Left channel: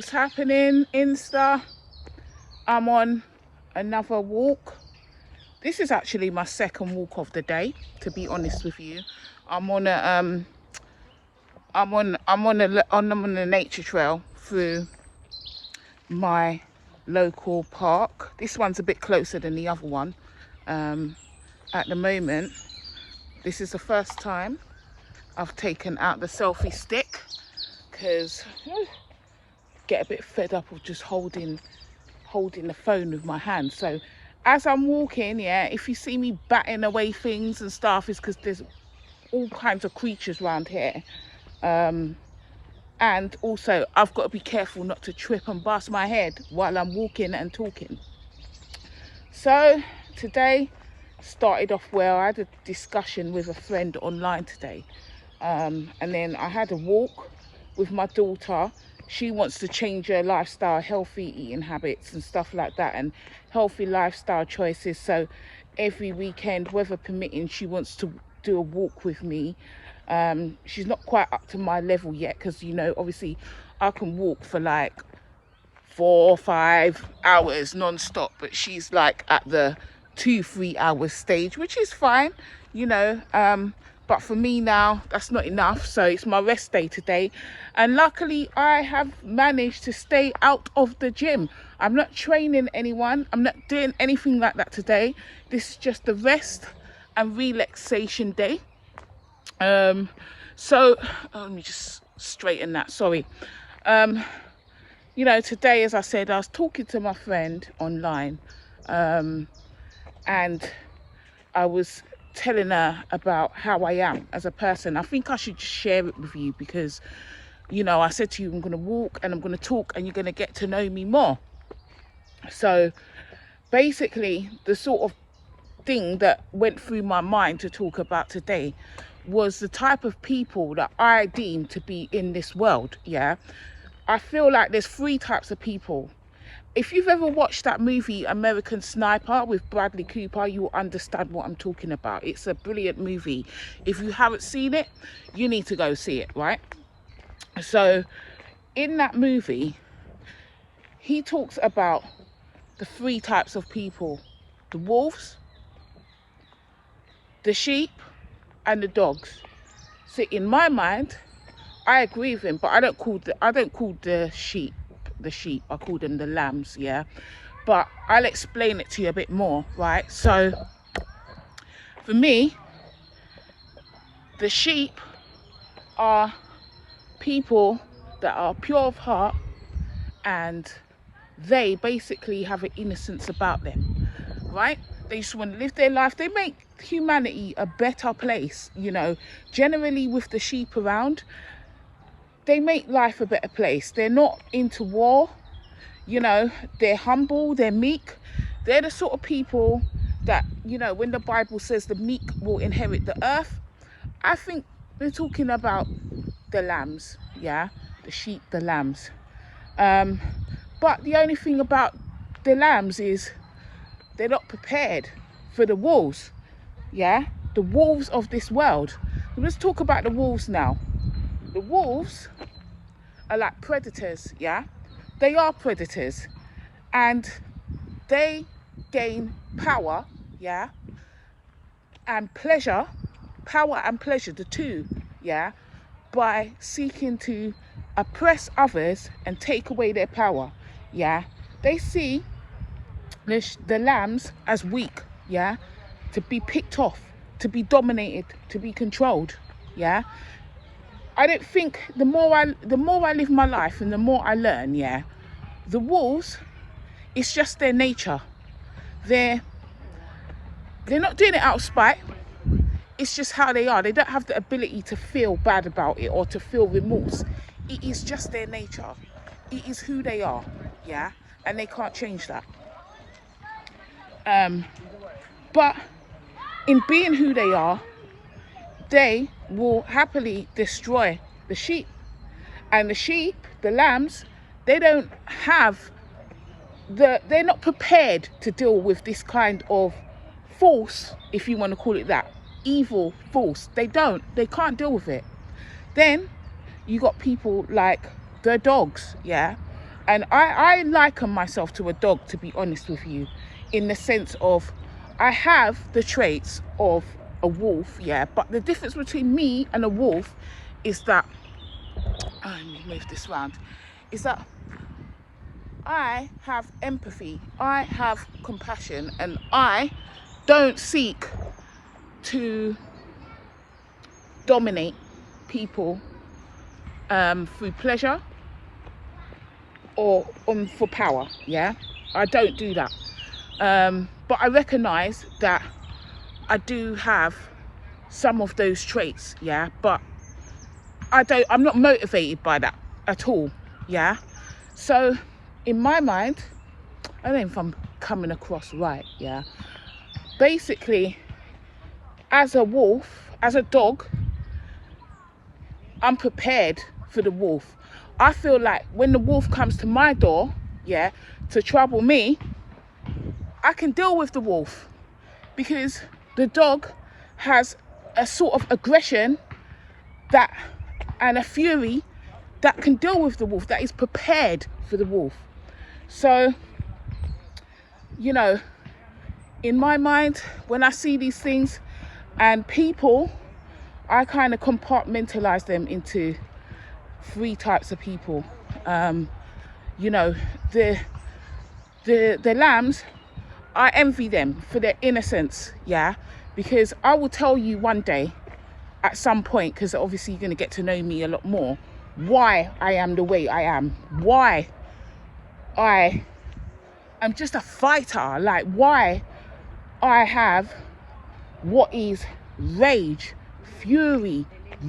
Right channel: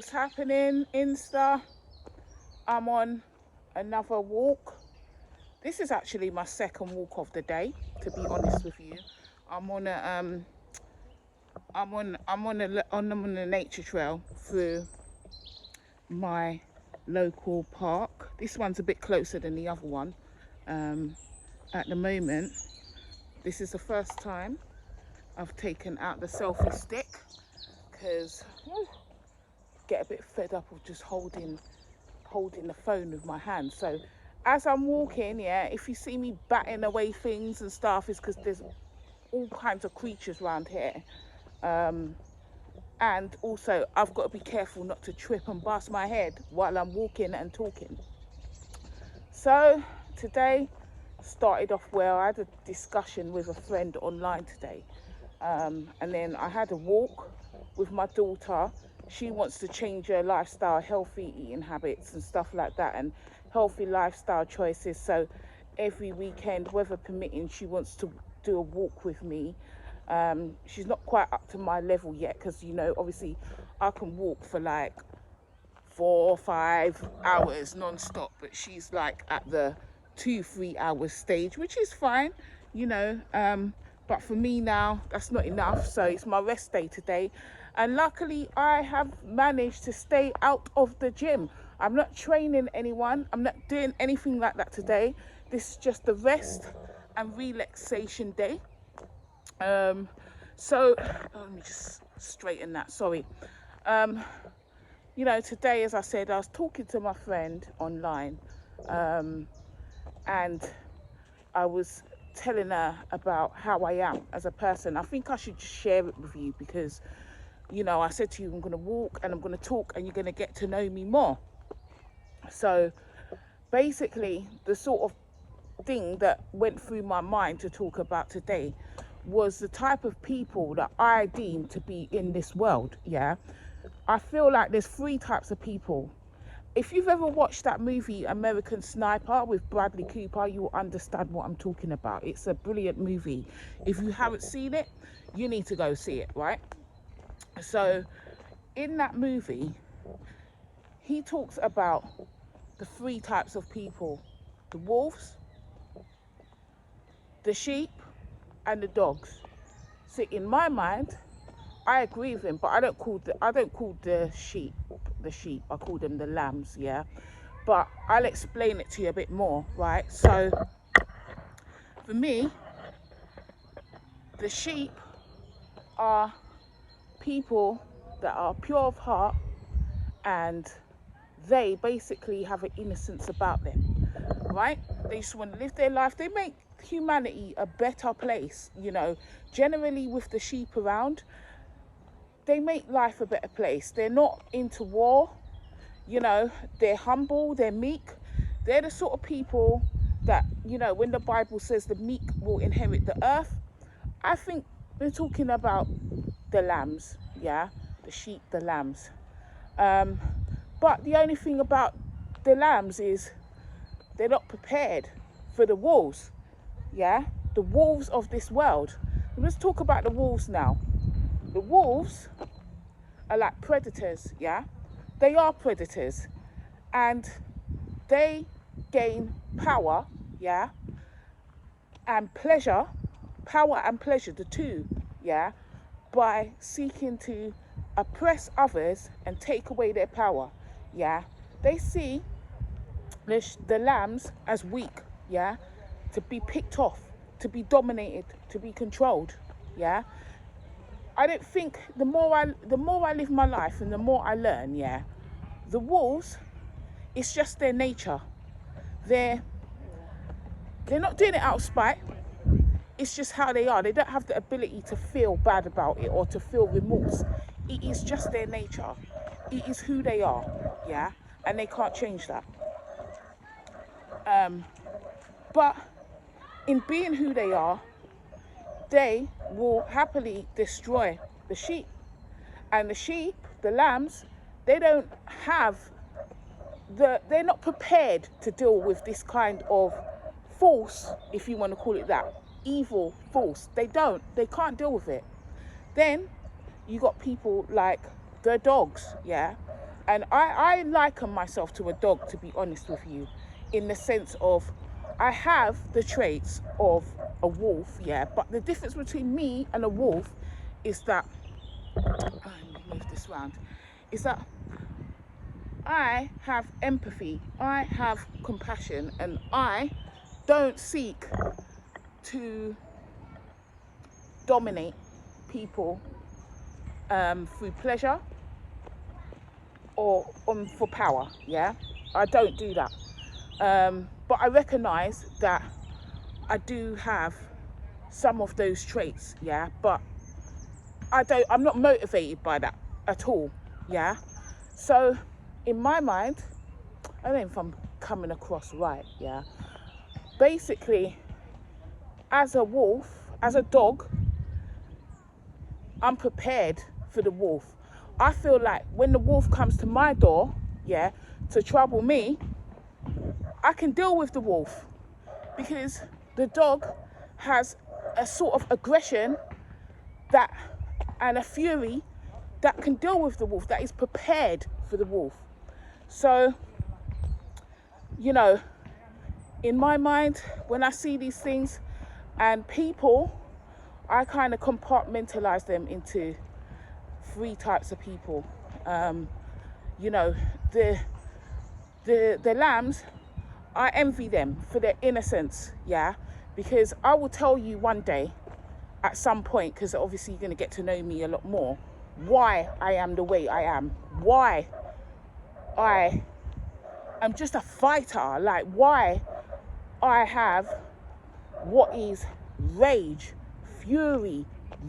What's happening, Insta? I'm on another walk. This is actually my second walk of the day, to be honest with you. I'm on a nature trail through my local park. This one's a bit closer than the other one. At the moment, this is the first time I've taken out the selfie stick because I get a bit fed up of just holding the phone with my hand. So as I'm walking, yeah, if you see me batting away things and stuff, it's because there's all kinds of creatures around here. And also I've got to be careful not to trip and bust my head while I'm walking and talking. So today started off where I had a discussion with a friend online today, and then I had a walk with my daughter. She wants to change her lifestyle, healthy eating habits and stuff like that, and healthy lifestyle choices. So every weekend, weather permitting, she wants to do a walk with me. She's not quite up to my level yet because, you know, obviously I can walk for like 4 or 5 hours non-stop, but she's like at the 2-3 hours stage, which is fine, you know. But for me now, that's not enough, so it's my rest day today, and luckily I have managed to stay out of the gym. I'm not training anyone, I'm not doing anything like that today. This is just a rest and relaxation day. So let me just straighten that, sorry. You know, today, as I said, I was talking to my friend online, and I was telling her about how I am as a person. I think I should share it with you because, you know, I said to you, I'm going to walk and I'm going to talk and you're going to get to know me more. So basically, the sort of thing that went through my mind to talk about today was the type of people that I deem to be in this world, yeah? I feel like there's 3 types of people. If you've ever watched that movie American Sniper with Bradley Cooper, you'll understand what I'm talking about. It's a brilliant movie. If you haven't seen it, you need to go see it, right? So in that movie, he talks about the 3 types of people: the wolves, the sheep, and the dogs. So in my mind, I agree with him, but I don't call the sheep the sheep. I call them the lambs, yeah. But I'll explain it to you a bit more, right? So for me, the sheep are people that are pure of heart, and they basically have an innocence about them, right? They just want to live their life. They make humanity a better place, you know. Generally, with the sheep around, they make life a better place. They're not into war, you know. They're humble, they're meek. They're the sort of people that, you know, when the Bible says the meek will inherit the earth, I think they're talking about the lambs, yeah, the sheep, the lambs. But the only thing about the lambs is they're not prepared for the wolves, yeah, the wolves of this world. Let's talk about the wolves now. The wolves are like predators, yeah? They are predators, and they gain power, yeah, and pleasure, power and pleasure, the two, yeah, by seeking to oppress others and take away their power, yeah. They see the lambs as weak, yeah, to be picked off, to be dominated, to be controlled, yeah. I don't think the more I live my life and the more I learn, yeah, the wolves, it's just their nature. They're not doing it out of spite. It's just how they are. They don't have the ability to feel bad about it or to feel remorse. It is just their nature. It is who they are, yeah, and they can't change that. But in being who they are, they will happily destroy the sheep. And the sheep, the lambs, they don't have they're not prepared to deal with this kind of force, if you want to call it that, evil force. They can't deal with it. Then you got people like the dogs, yeah. And I liken myself to a dog, to be honest with you, in the sense of I have the traits of a wolf, yeah, but the difference between me and a wolf is that, let me move this round, is that I have empathy, I have compassion, and I don't seek to dominate people through pleasure or for power, yeah. I don't do that, but I recognize that I do have some of those traits, yeah, but I'm not motivated by that at all, yeah. So in my mind, I don't know if I'm coming across right, yeah, basically, as a wolf, as a dog, I'm prepared for the wolf. I feel like when the wolf comes to my door, yeah, to trouble me, I can deal with the wolf, because the dog has a sort of aggression that, and a fury that can deal with the wolf, that is prepared for the wolf. So, you know, in my mind, when I see these things and people, I kind of compartmentalize them into 3 types of people. You know, the lambs, I envy them for their innocence, yeah, because I will tell you one day at some point, because obviously you're going to get to know me a lot more, why I am the way I am, why I am just a fighter, like why I have what is rage, fury,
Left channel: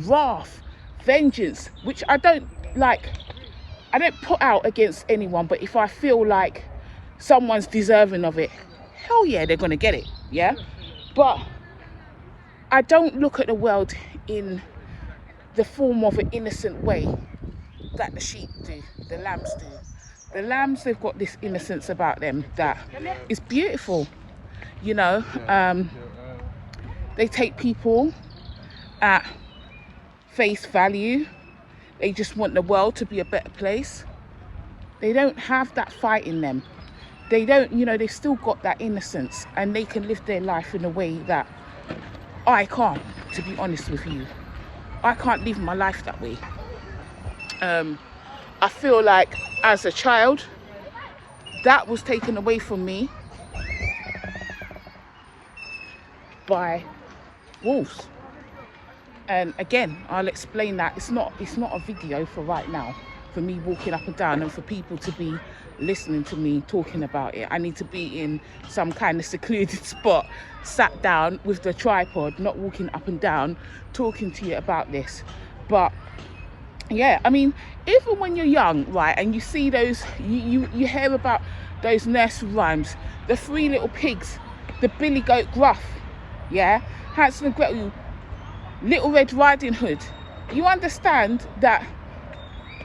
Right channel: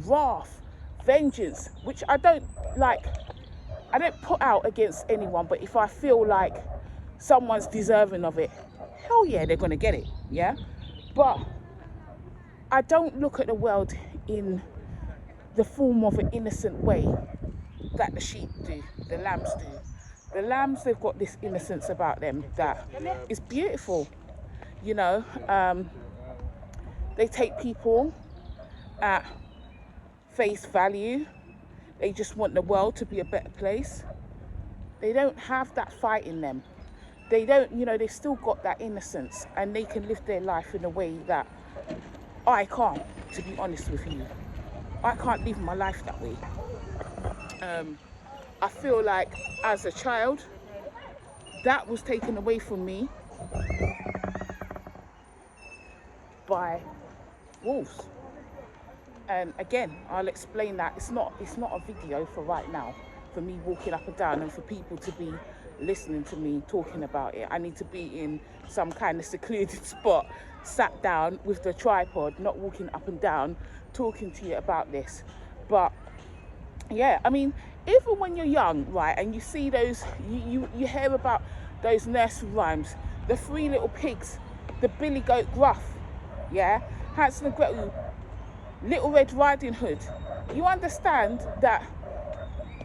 wrath, vengeance, which I don't put out against anyone, but if I feel like someone's deserving of it, hell yeah, they're gonna get it, yeah. But I don't look at the world in the form of an innocent way that the sheep do, the lambs do. The lambs, they've got this innocence about them that is beautiful, you know. They take people at face value. They just want the world to be a better place. They don't have that fight in them. They don't, you know, they've still got that innocence, and they can live their life in a way that I can't, to be honest with you. I can't live my life that way. I feel like as a child, that was taken away from me by wolves. And again, I'll explain that it's not a video for right now, for me walking up and down and for people to be listening to me talking about it. I need to be in some kind of secluded spot, sat down with the tripod, not walking up and down talking to you about this. But yeah, I mean, even when you're young, right, and you see those, you hear about those nursery rhymes, the 3 little pigs, the Billy Goat Gruff, yeah, Hansel and Gretel, Little Red Riding Hood. You understand that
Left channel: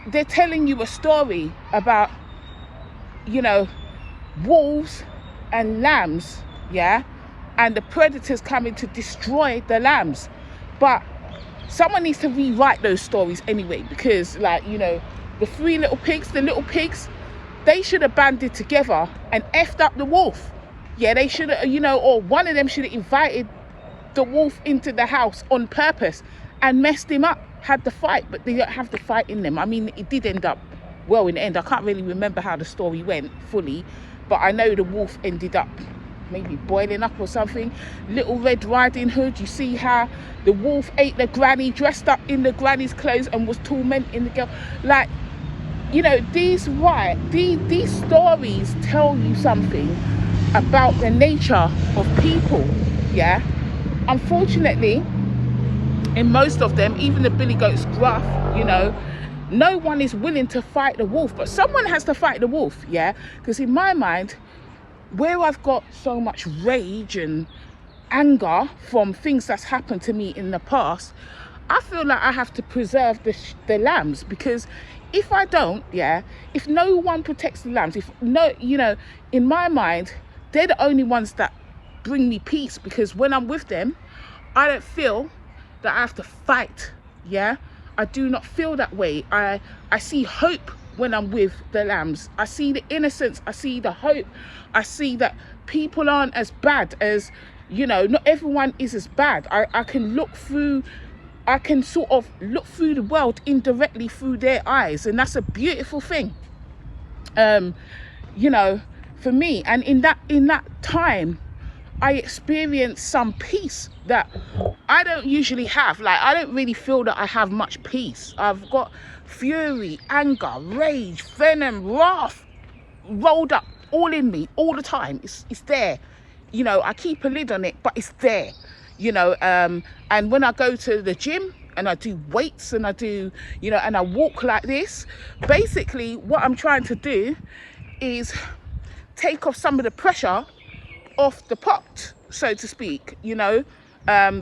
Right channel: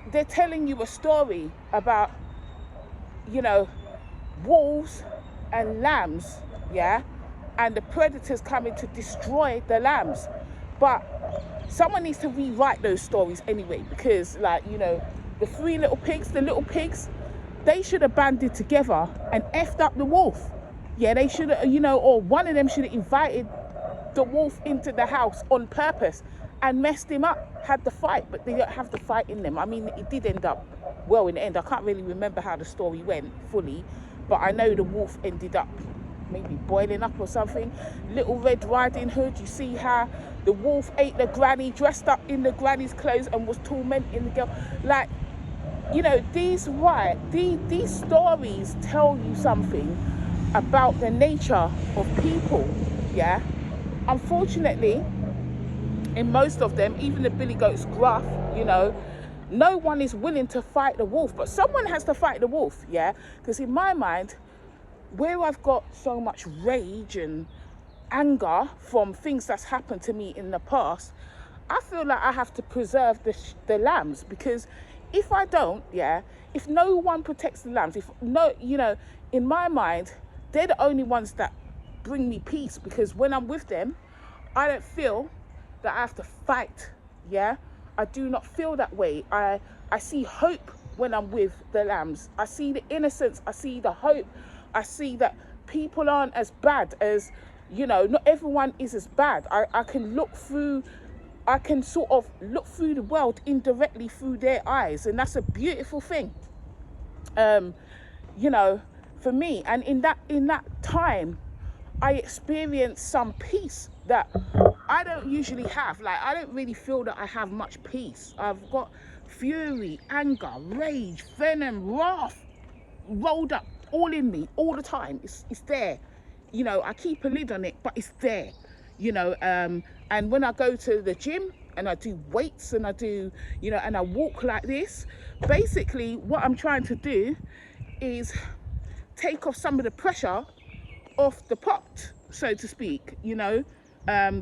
they're telling you a story about, you know, wolves and lambs, yeah, and the predators coming to destroy the lambs. But someone needs to rewrite those stories anyway, because, like, you know, the 3 little pigs, the little pigs, they should have banded together and effed up the wolf. Yeah, they should have, you know, or one of them should have invited the wolf into the house on purpose and messed him up, had the fight. But they don't have the fight in them. I mean, it did end up well in the end. I can't really remember how the story went fully, but I know the wolf ended up maybe boiling up or something. Little Red Riding Hood, you see how the wolf ate the granny, dressed up in the granny's clothes and was tormenting the girl. Like, you know, these stories tell you something about the nature of people, yeah. Unfortunately, in most of them, even the Billy Goat's Gruff, you know, no one is willing to fight the wolf, but someone has to fight the wolf, yeah. Because in my mind, where I've got so much rage and anger from things that's happened to me in the past, I feel like I have to preserve the lambs, because if I don't, yeah, if no one protects the lambs, if no, you know, in my mind, they're the only ones that bring me peace, because when I'm with them, I don't feel that I have to fight, yeah. I do not feel that way. I see hope when I'm with the lambs. I see the innocence, I see the hope, I see that people aren't as bad as, you know, not everyone is as bad. I can look through, I can sort of look through the world indirectly through their eyes, and that's a beautiful thing. You know, for me, and in that time, I experienced some peace that I don't usually have. Like, I don't really feel that I have much peace. I've got fury, anger, rage, venom, wrath rolled up all in me all the time. It's there. You know, I keep a lid on it, but it's there. You know, and when I go to the gym and I do weights and I do, you know, and I walk like this, basically what I'm trying to do is take off some of the pressure off the pot, so to speak, you know,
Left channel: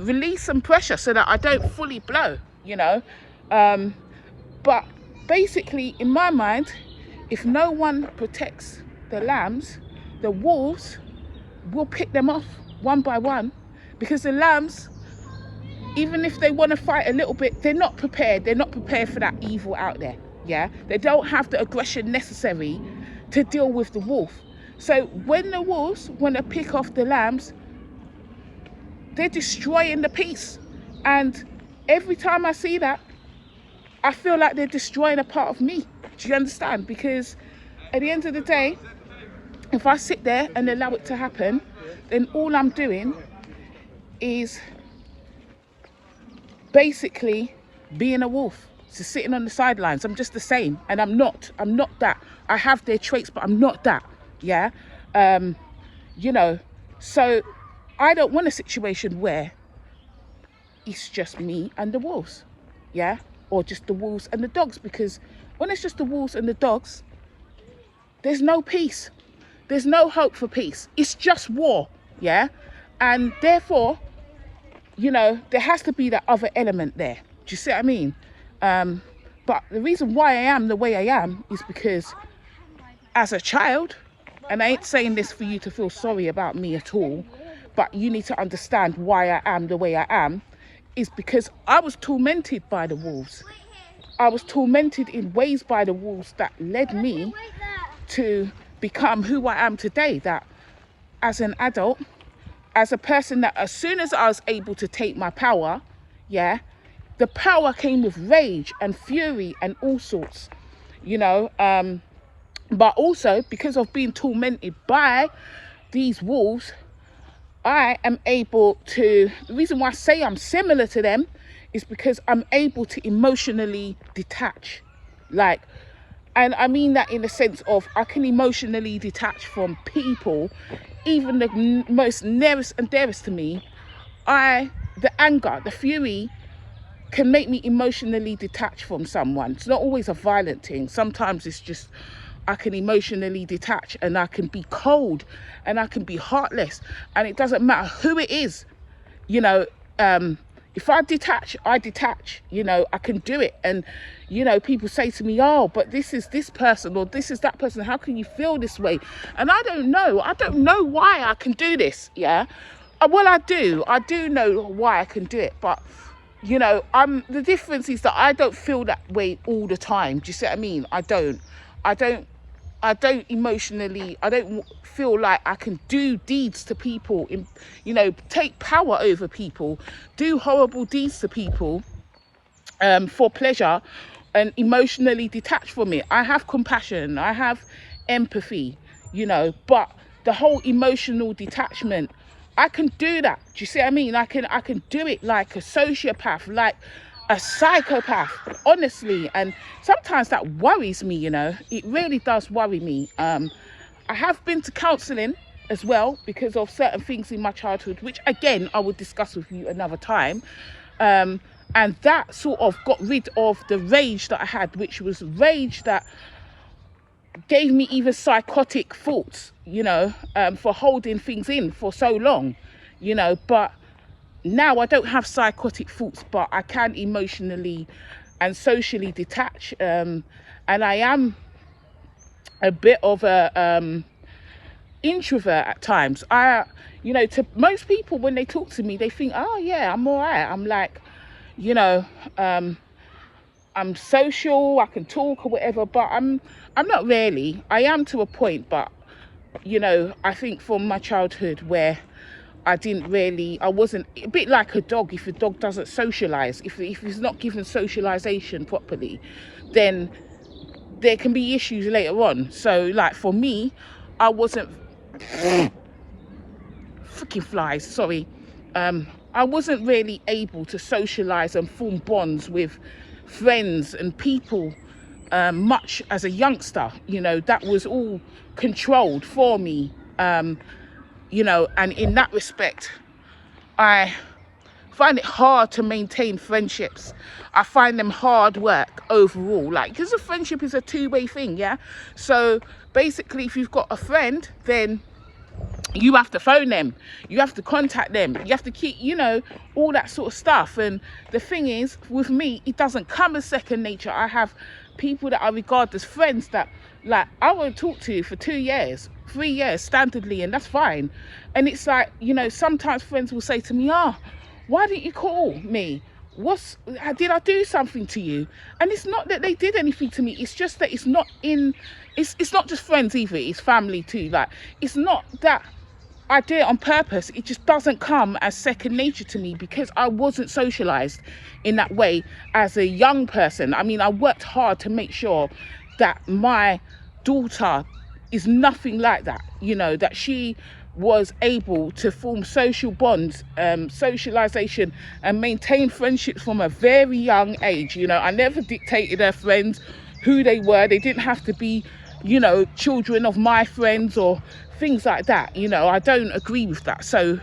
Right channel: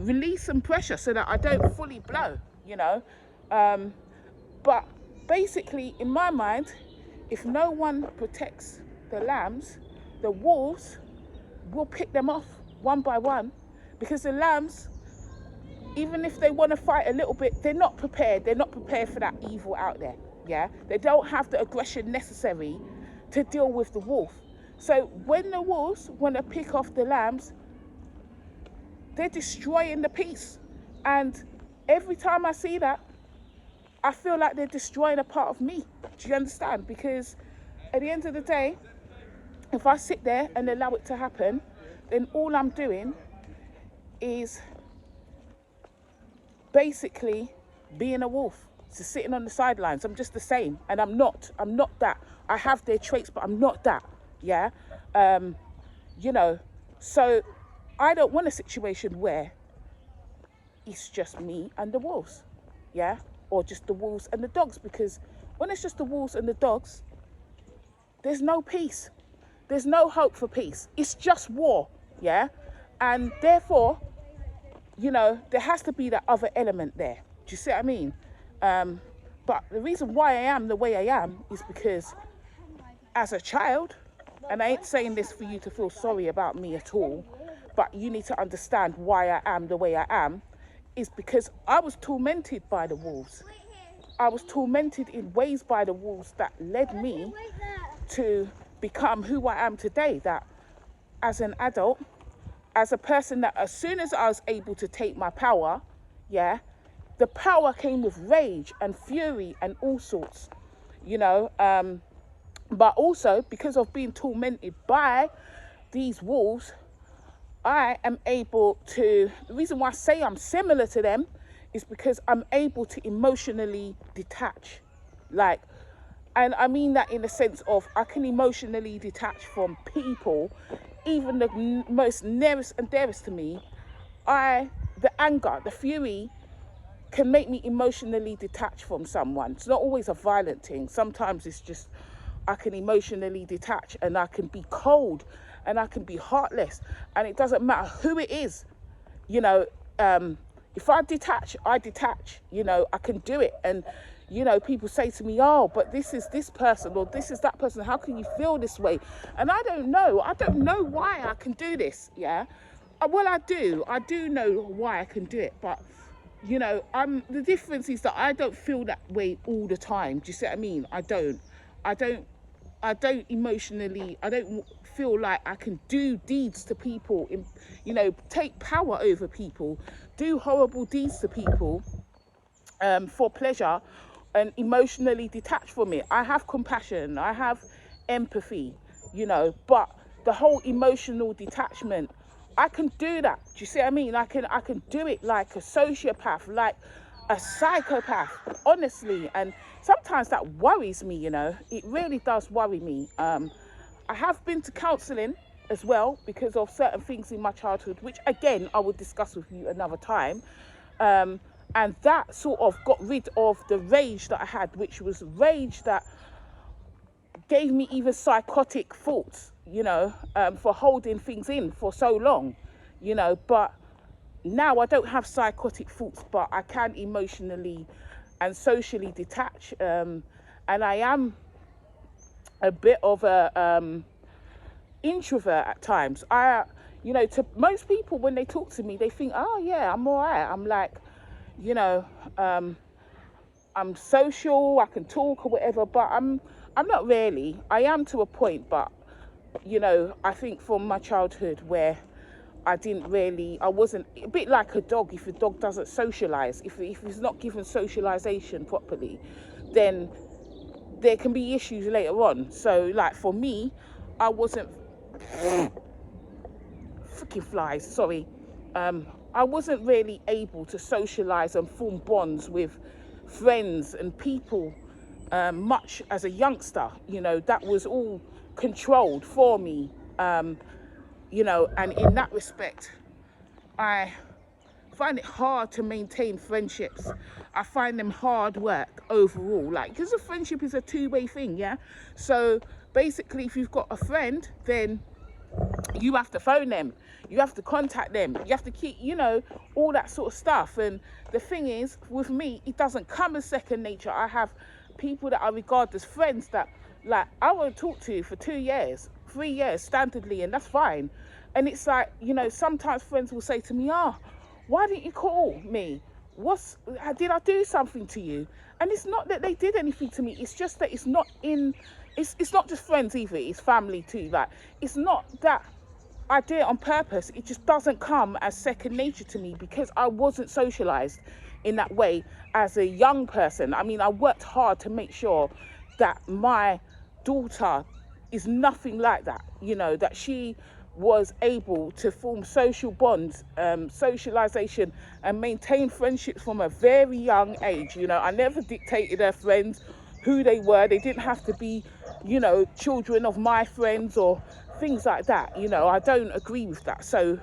release some pressure so that I don't fully blow, you know. But basically, in my mind, if no one protects the lambs, the wolves will pick them off one by one, because the lambs, even if they want to fight a little bit, they're not prepared. They're not prepared for that evil out there, yeah? They don't have the aggression necessary to deal with the wolf. So when the wolves want to pick off the lambs, they're destroying the peace. And every time I see that, I feel like they're destroying a part of me. Do you understand? Because at the end of the day, if I sit there and allow it to happen, then all I'm doing is basically being a wolf, just sitting on the sidelines. I'm just the same, and I'm not that. I have their traits, but I'm not that. Yeah, you know, so I don't want a situation where it's just me and the wolves, yeah, or just the wolves and the dogs, because when it's just the wolves and the dogs, there's no peace, there's no hope for peace. It's just war, yeah, and therefore, you know, there has to be that other element there. Do you see what I mean? But the reason why I am the way I am is because as a child, and I ain't saying this for you to feel sorry about me at all, but you need to understand why I am the way I am, is because I was tormented by the wolves. I was tormented in ways by the wolves that led me to become who I am today. That as an adult, as a person, that as soon as I was able to take my power, yeah, the power came with rage and fury and all sorts, you know, but also because of being tormented by these wolves, I am able to, the reason why I say I'm similar to them is because I'm able to emotionally detach. Like, and I mean that in the sense of I can emotionally detach from people, even the most nearest and dearest to me. The anger, the fury can make me emotionally detach from someone. It's not always a violent thing. Sometimes it's just, I can emotionally detach and I can be cold and I can be heartless, and it doesn't matter who it is, you know. If I detach, you know, I can do it. And, you know, people say to me, oh, but this is this person or this is that person. How can you feel this way? And I don't know why I can do this, yeah? Well, I do know why I can do it, but, you know, the difference is that I don't feel that way all the time. Do you see what I mean? I don't emotionally, I don't feel like I can do deeds to people, you know, take power over people, do horrible deeds to people for pleasure and emotionally detach from it. I have compassion, I have empathy, you know, but the whole emotional detachment, I can do that. Do you see what I mean? I can do it like a sociopath, like a psychopath, honestly. And sometimes that worries me, you know. It really does worry me. I have been to counselling as well because of certain things in my childhood, which again I will discuss with you another time. And that sort of got rid of the rage that I had, which was rage that gave me even psychotic thoughts, you know, for holding things in for so long, you know. But now I don't have psychotic thoughts, but I can emotionally and socially detach. And I am a bit of a introvert at times. You know, to most people, when they talk to me, they think, oh yeah, I'm all right. I'm like, you know, I'm social, I can talk or whatever, but I'm not really. I am to a point, but you know, I think from my childhood where I wasn't a bit like a dog. If a dog doesn't socialize, if it's not given socialization properly, then there can be issues later on. So like for me, I wasn't freaking flies, sorry. I wasn't really able to socialize and form bonds with friends and people much as a youngster. You know, that was all controlled for me. You know, and in that respect, I find it hard to maintain friendships. I find them hard work overall, like, because a friendship is a two-way thing, yeah? So basically, if you've got a friend, then you have to phone them, you have to contact them, you have to keep, you know, all that sort of stuff. And the thing is, with me, it doesn't come as second nature. I have people that I regard as friends that, like, I won't talk to for 2 years, 3 years standardly, and that's fine. And it's like, you know, sometimes friends will say to me, why didn't you call me? Did I do something to you? And it's not that they did anything to me, it's just that it's not just friends either, it's family too. Like, it's not that I did it on purpose, it just doesn't come as second nature to me because I wasn't socialized in that way as a young person. I mean, I worked hard to make sure that my daughter is nothing like that, you know, that she was able to form social bonds, socialization, and maintain friendships from a very young age. You know, I never dictated her friends who they were. They didn't have to be, you know, children of my friends or things like that. You know, I don't agree with that. So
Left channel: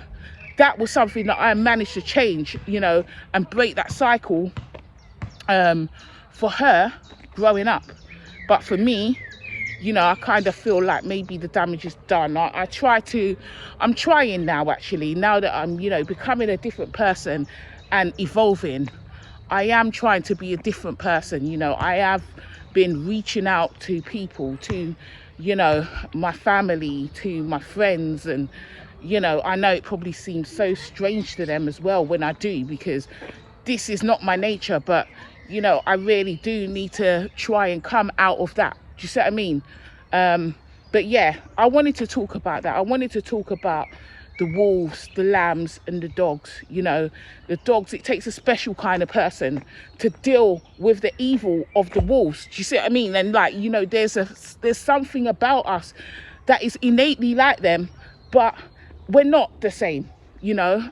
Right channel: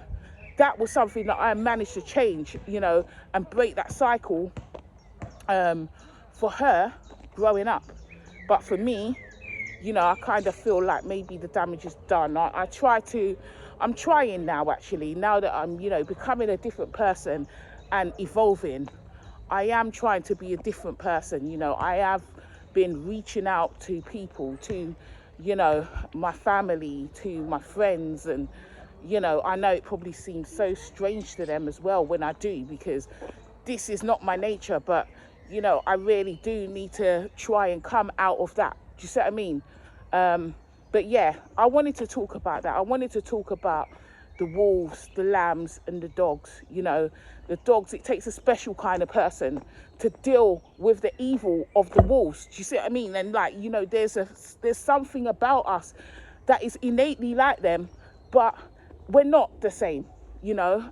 that was something that I managed to change, you know, and break that cycle for her growing up. But for me, you know, I kind of feel like maybe the damage is done. I'm trying now, actually, now that I'm, you know, becoming a different person and evolving. I am trying to be a different person. You know, I have been reaching out to people, to, you know, my family, to my friends. And, you know, I know it probably seems so strange to them as well when I do, because this is not my nature. But, you know, I really do need to try and come out of that. Do you see what I mean? But yeah, I wanted to talk about that. I wanted to talk about the wolves, the lambs, and the dogs. You know, the dogs, it takes a special kind of person to deal with the evil of the wolves. Do you see what I mean? And like, you know, there's something about us that is innately like them, but we're not the same, you know.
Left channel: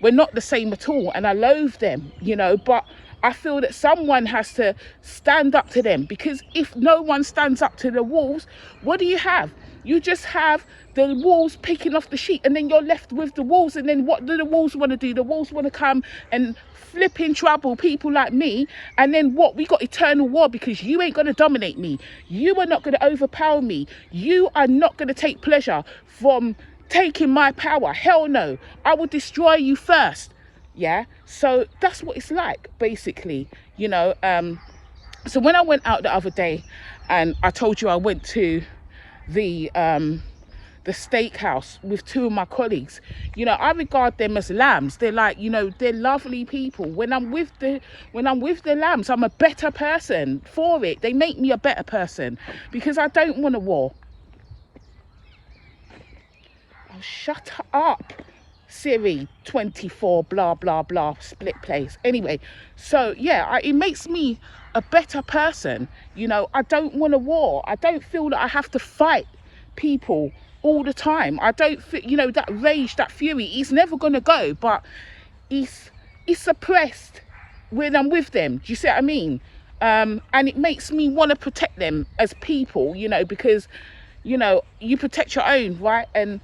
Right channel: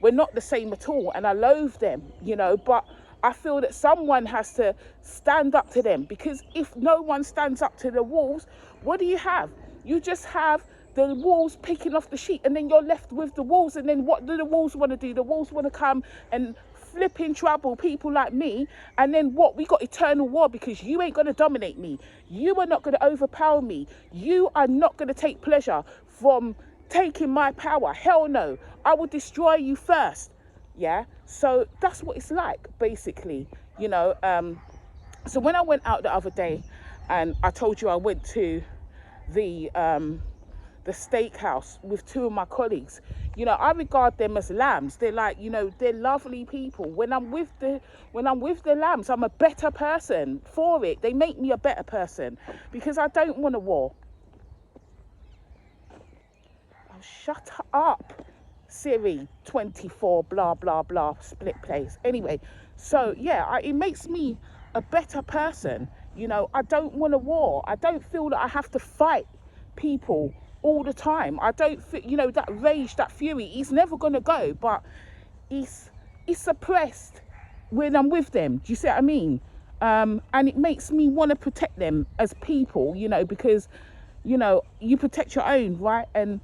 We're not the same at all, and I loathe them, you know, but I feel that someone has to stand up to them, because if no one stands up to the wolves, what do you have? You just have the wolves picking off the sheep, and then you're left with the wolves. And then what do the wolves want to do? The wolves want to come and flipping trouble people like me. And then what? We got eternal war, because you ain't going to dominate me. You are not going to overpower me. You are not going to take pleasure from taking my power. Hell no. I will destroy you first. Yeah, so that's what it's like, basically, you know. So when I went out the other day, and I told you I went to the steakhouse with 2 of my colleagues, you know, I regard them as lambs. They're like, you know, they're lovely people. When I'm with the lambs, I'm a better person for it. They make me a better person, because I don't want a war. Oh, shut up, Siri 24 blah blah blah split place. Anyway, so yeah, it makes me a better person. You know, I don't want a war. I don't feel that I have to fight people all the time. I don't feel, you know, that rage, that fury, it's never gonna go, but it's suppressed when I'm with them. Do you see what I mean? And it makes me want to protect them as people, you know, because, you know, you protect your own, right? And,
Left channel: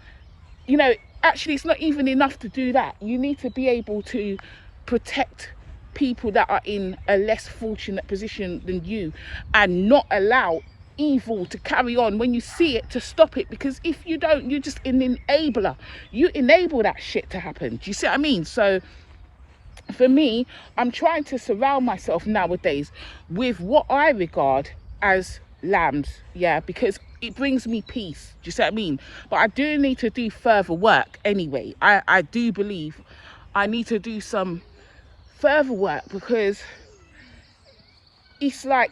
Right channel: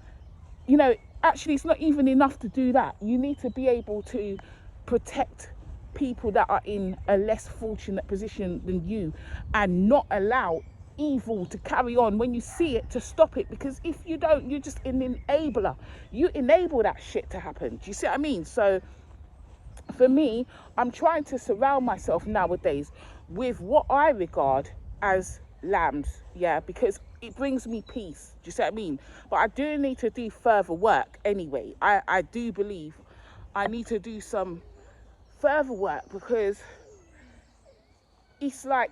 you know, actually it's not even enough to do that. You need to be able to protect people that are in a less fortunate position than you, and not allow evil to carry on. When you see it, to stop it, because if you don't, you're just an enabler. You enable that shit to happen. Do you see what I mean? So for me, I'm trying to surround myself nowadays with what I regard as lambs, yeah, because it brings me peace. Do you see what I mean? But I do need to do further work anyway. I do believe I need to do some further work, because it's like,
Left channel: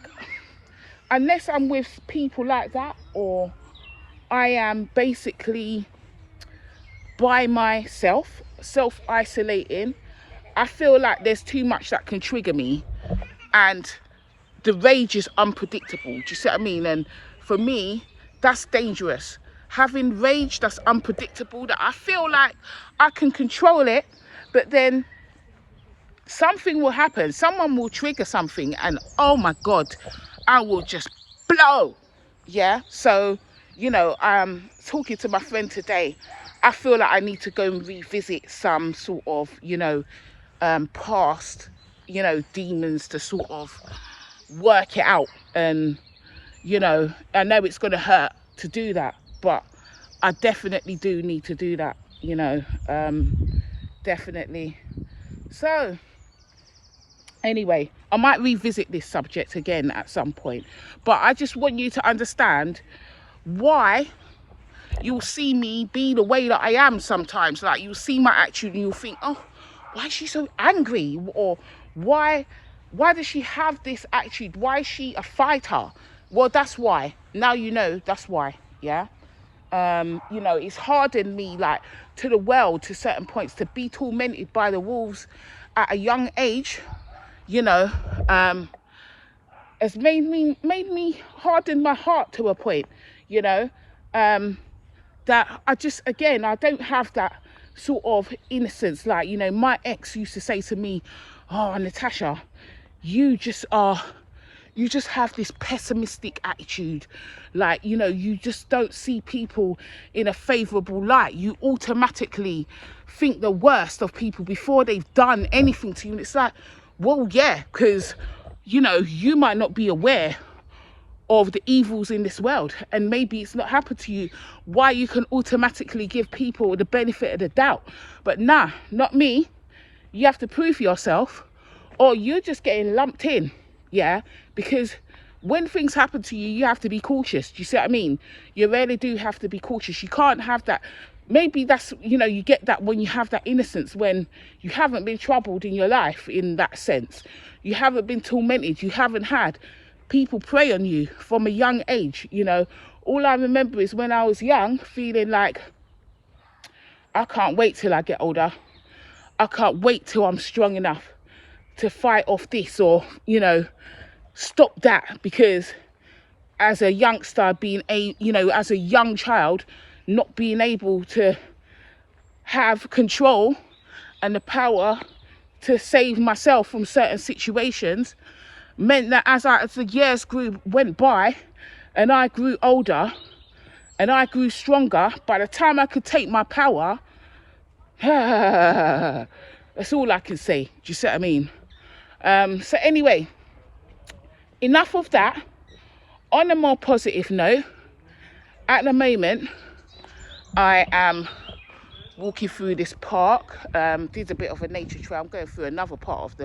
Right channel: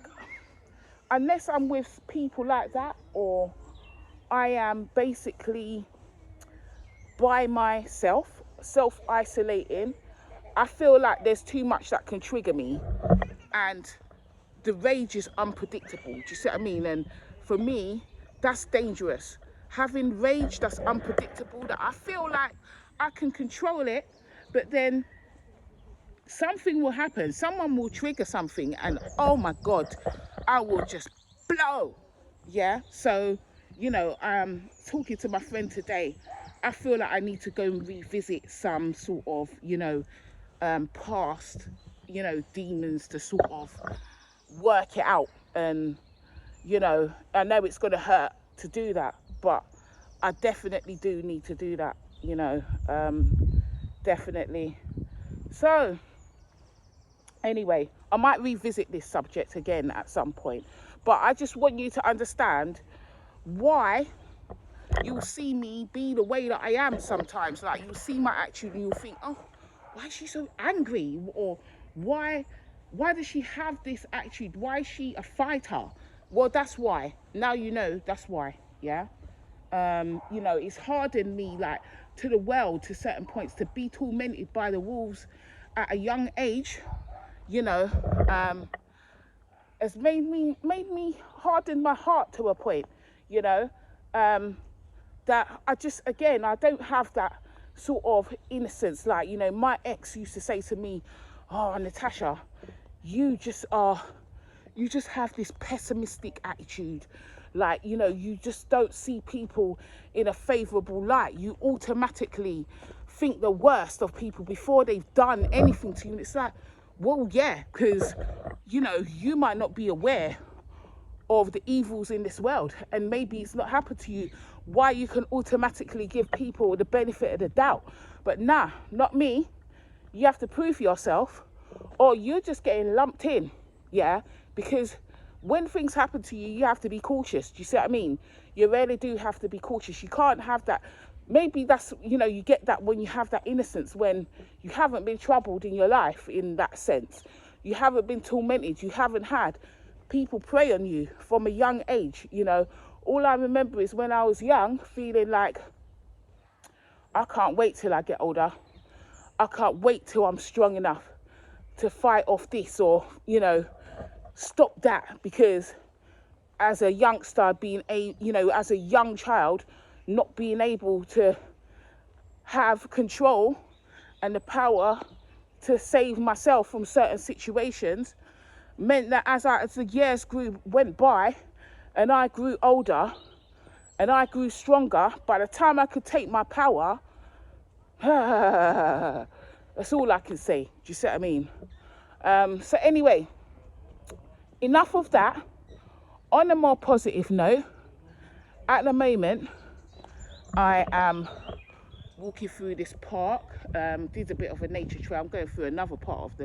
unless I'm with people like that, or I am basically by myself, self-isolating, I feel like there's too much that can trigger me, and the rage is unpredictable. Do you see what I mean? And for me, that's dangerous. Having rage that's unpredictable, that I feel like I can control it, but then something will happen. Someone will trigger something, and oh my God, I will just blow. Yeah. So, you know, talking to my friend today, I feel like I need to go and revisit some sort of, you know, past, you know, demons to sort of work it out. And, you know, I know it's going to hurt to do that, but I definitely do need to do that, you know, definitely. So anyway, I might revisit this subject again at some point, but I just want you to understand why you'll see me be the way that I am sometimes. Like, you'll see my attitude and you'll think, oh, why is she so angry? Or why does she have this attitude? Why is she a fighter? Well, that's why. Now you know that's why. Yeah. You know, it's hardened me, like, to the world, to certain points, to be tormented by the wolves at a young age. You know, has made me harden my heart to a point. You know, that I just, again, I don't have that sort of innocence. Like, you know, my ex used to say to me, oh, Natasha, you just have this pessimistic attitude. Like, you know, you just don't see people in a favourable light. You automatically think the worst of people before they've done anything to you. And it's like, well, yeah, because, you know, you might not be aware of the evils in this world, and maybe it's not happened to you, why you can automatically give people the benefit of the doubt. But nah, not me. You have to prove yourself, or you're just getting lumped in. Yeah, because when things happen to you, you have to be cautious. Do you see what I mean? You really do have to be cautious. You can't have that. Maybe that's, you know, you get that when you have that innocence, when you haven't been troubled in your life in that sense. You haven't been tormented. You haven't had people prey on you from a young age. You know, all I remember is when I was young, feeling like, I can't wait till I get older. I can't wait till I'm strong enough to fight off this, or, you know, stop that. Because as a youngster, you know, as a young child, not being able to have control and the power to save myself from certain situations meant that as the years went by, and I grew older and I grew stronger, by the time I could take my power, that's all I can say. Do you see what I mean? So anyway, enough of that. On a more positive note, at the moment, I am walking through this park. Did a bit of a nature trail. I'm going through another part of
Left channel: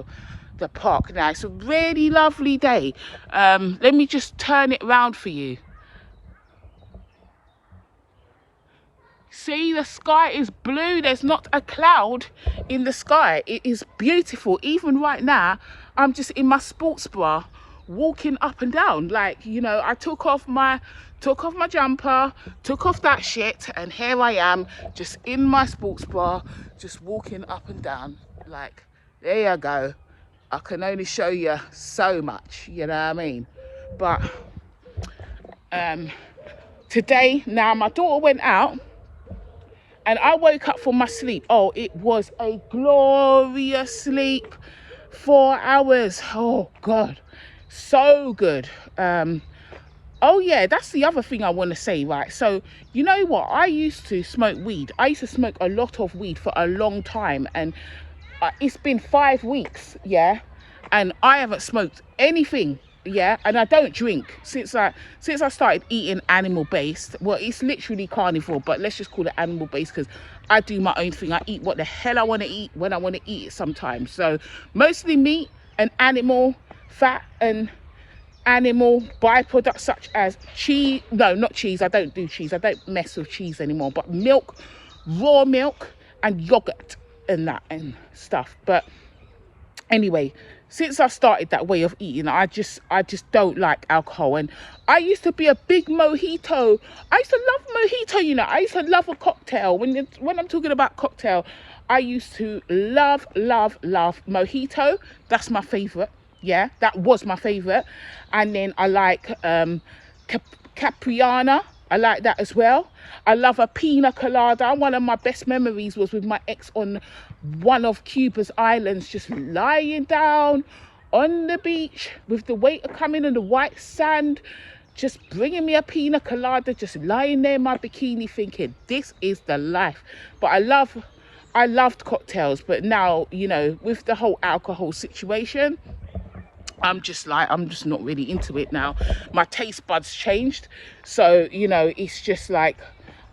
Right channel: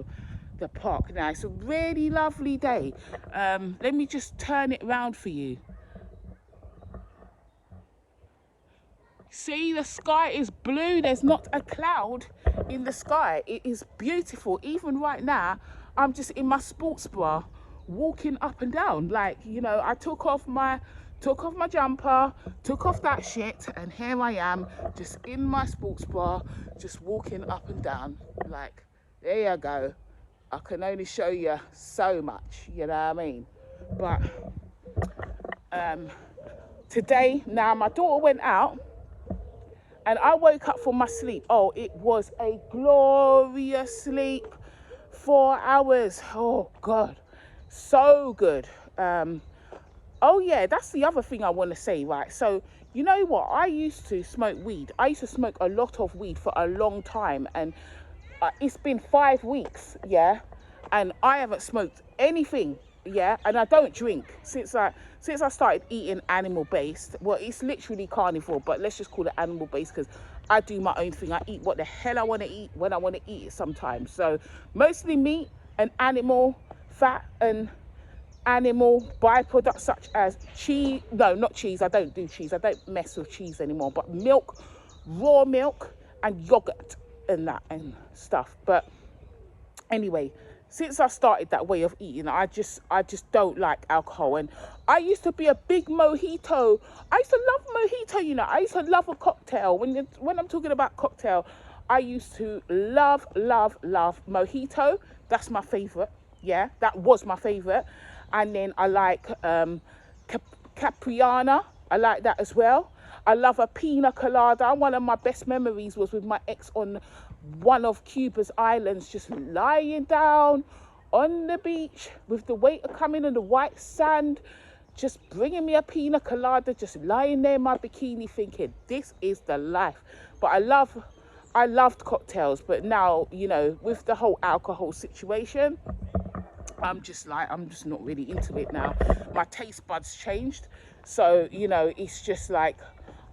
the park now. It's a really lovely day. Let me just turn it around for you. See, the sky is blue. There's not a cloud in the sky. It is beautiful. Even right now, I'm just in my sports bra, walking up and down. Like, you know, I took off my jumper, took off that shit, and here I am, just in my sports bra, just walking up and down. Like, there you go. I can only show you so much, you know what I mean? But today, now my daughter went out, and I woke up from my sleep. Oh, it was a glorious sleep. 4 hours. Oh God, so good. Oh yeah, that's the other thing I want to say, right? So, you know what? I used to smoke weed. I used to smoke a lot of weed for a long time, and it's been 5 weeks, yeah, and I haven't smoked anything, yeah, and I don't drink since I started eating animal based. Well, it's literally carnivore, but let's just call it animal based, because I do my own thing. I eat what the hell I want to eat when I want to eat it sometimes. So mostly meat and animal fat and animal byproducts such as cheese. No, not cheese. I don't do cheese. I don't mess with cheese anymore. But milk, raw milk, and yogurt and that and stuff. But anyway, since I started that way of eating, I just don't like alcohol. And I used to be a big mojito. I used to love mojito, you know. I used to love a cocktail. When I'm talking about cocktail, I used to love mojito. That's my favorite. Yeah, that was my favorite. And then I like Capriana. I like that as well. I love a pina colada. One of my best memories was with my ex on one of Cuba's islands, just lying down on the beach with the waiter coming in the white sand, just bringing me a pina colada, just lying there in my bikini thinking, this is the life. But I loved cocktails, but now, you know, with the whole alcohol situation, I'm just not really into it now. My taste buds changed. So, you know, it's just like,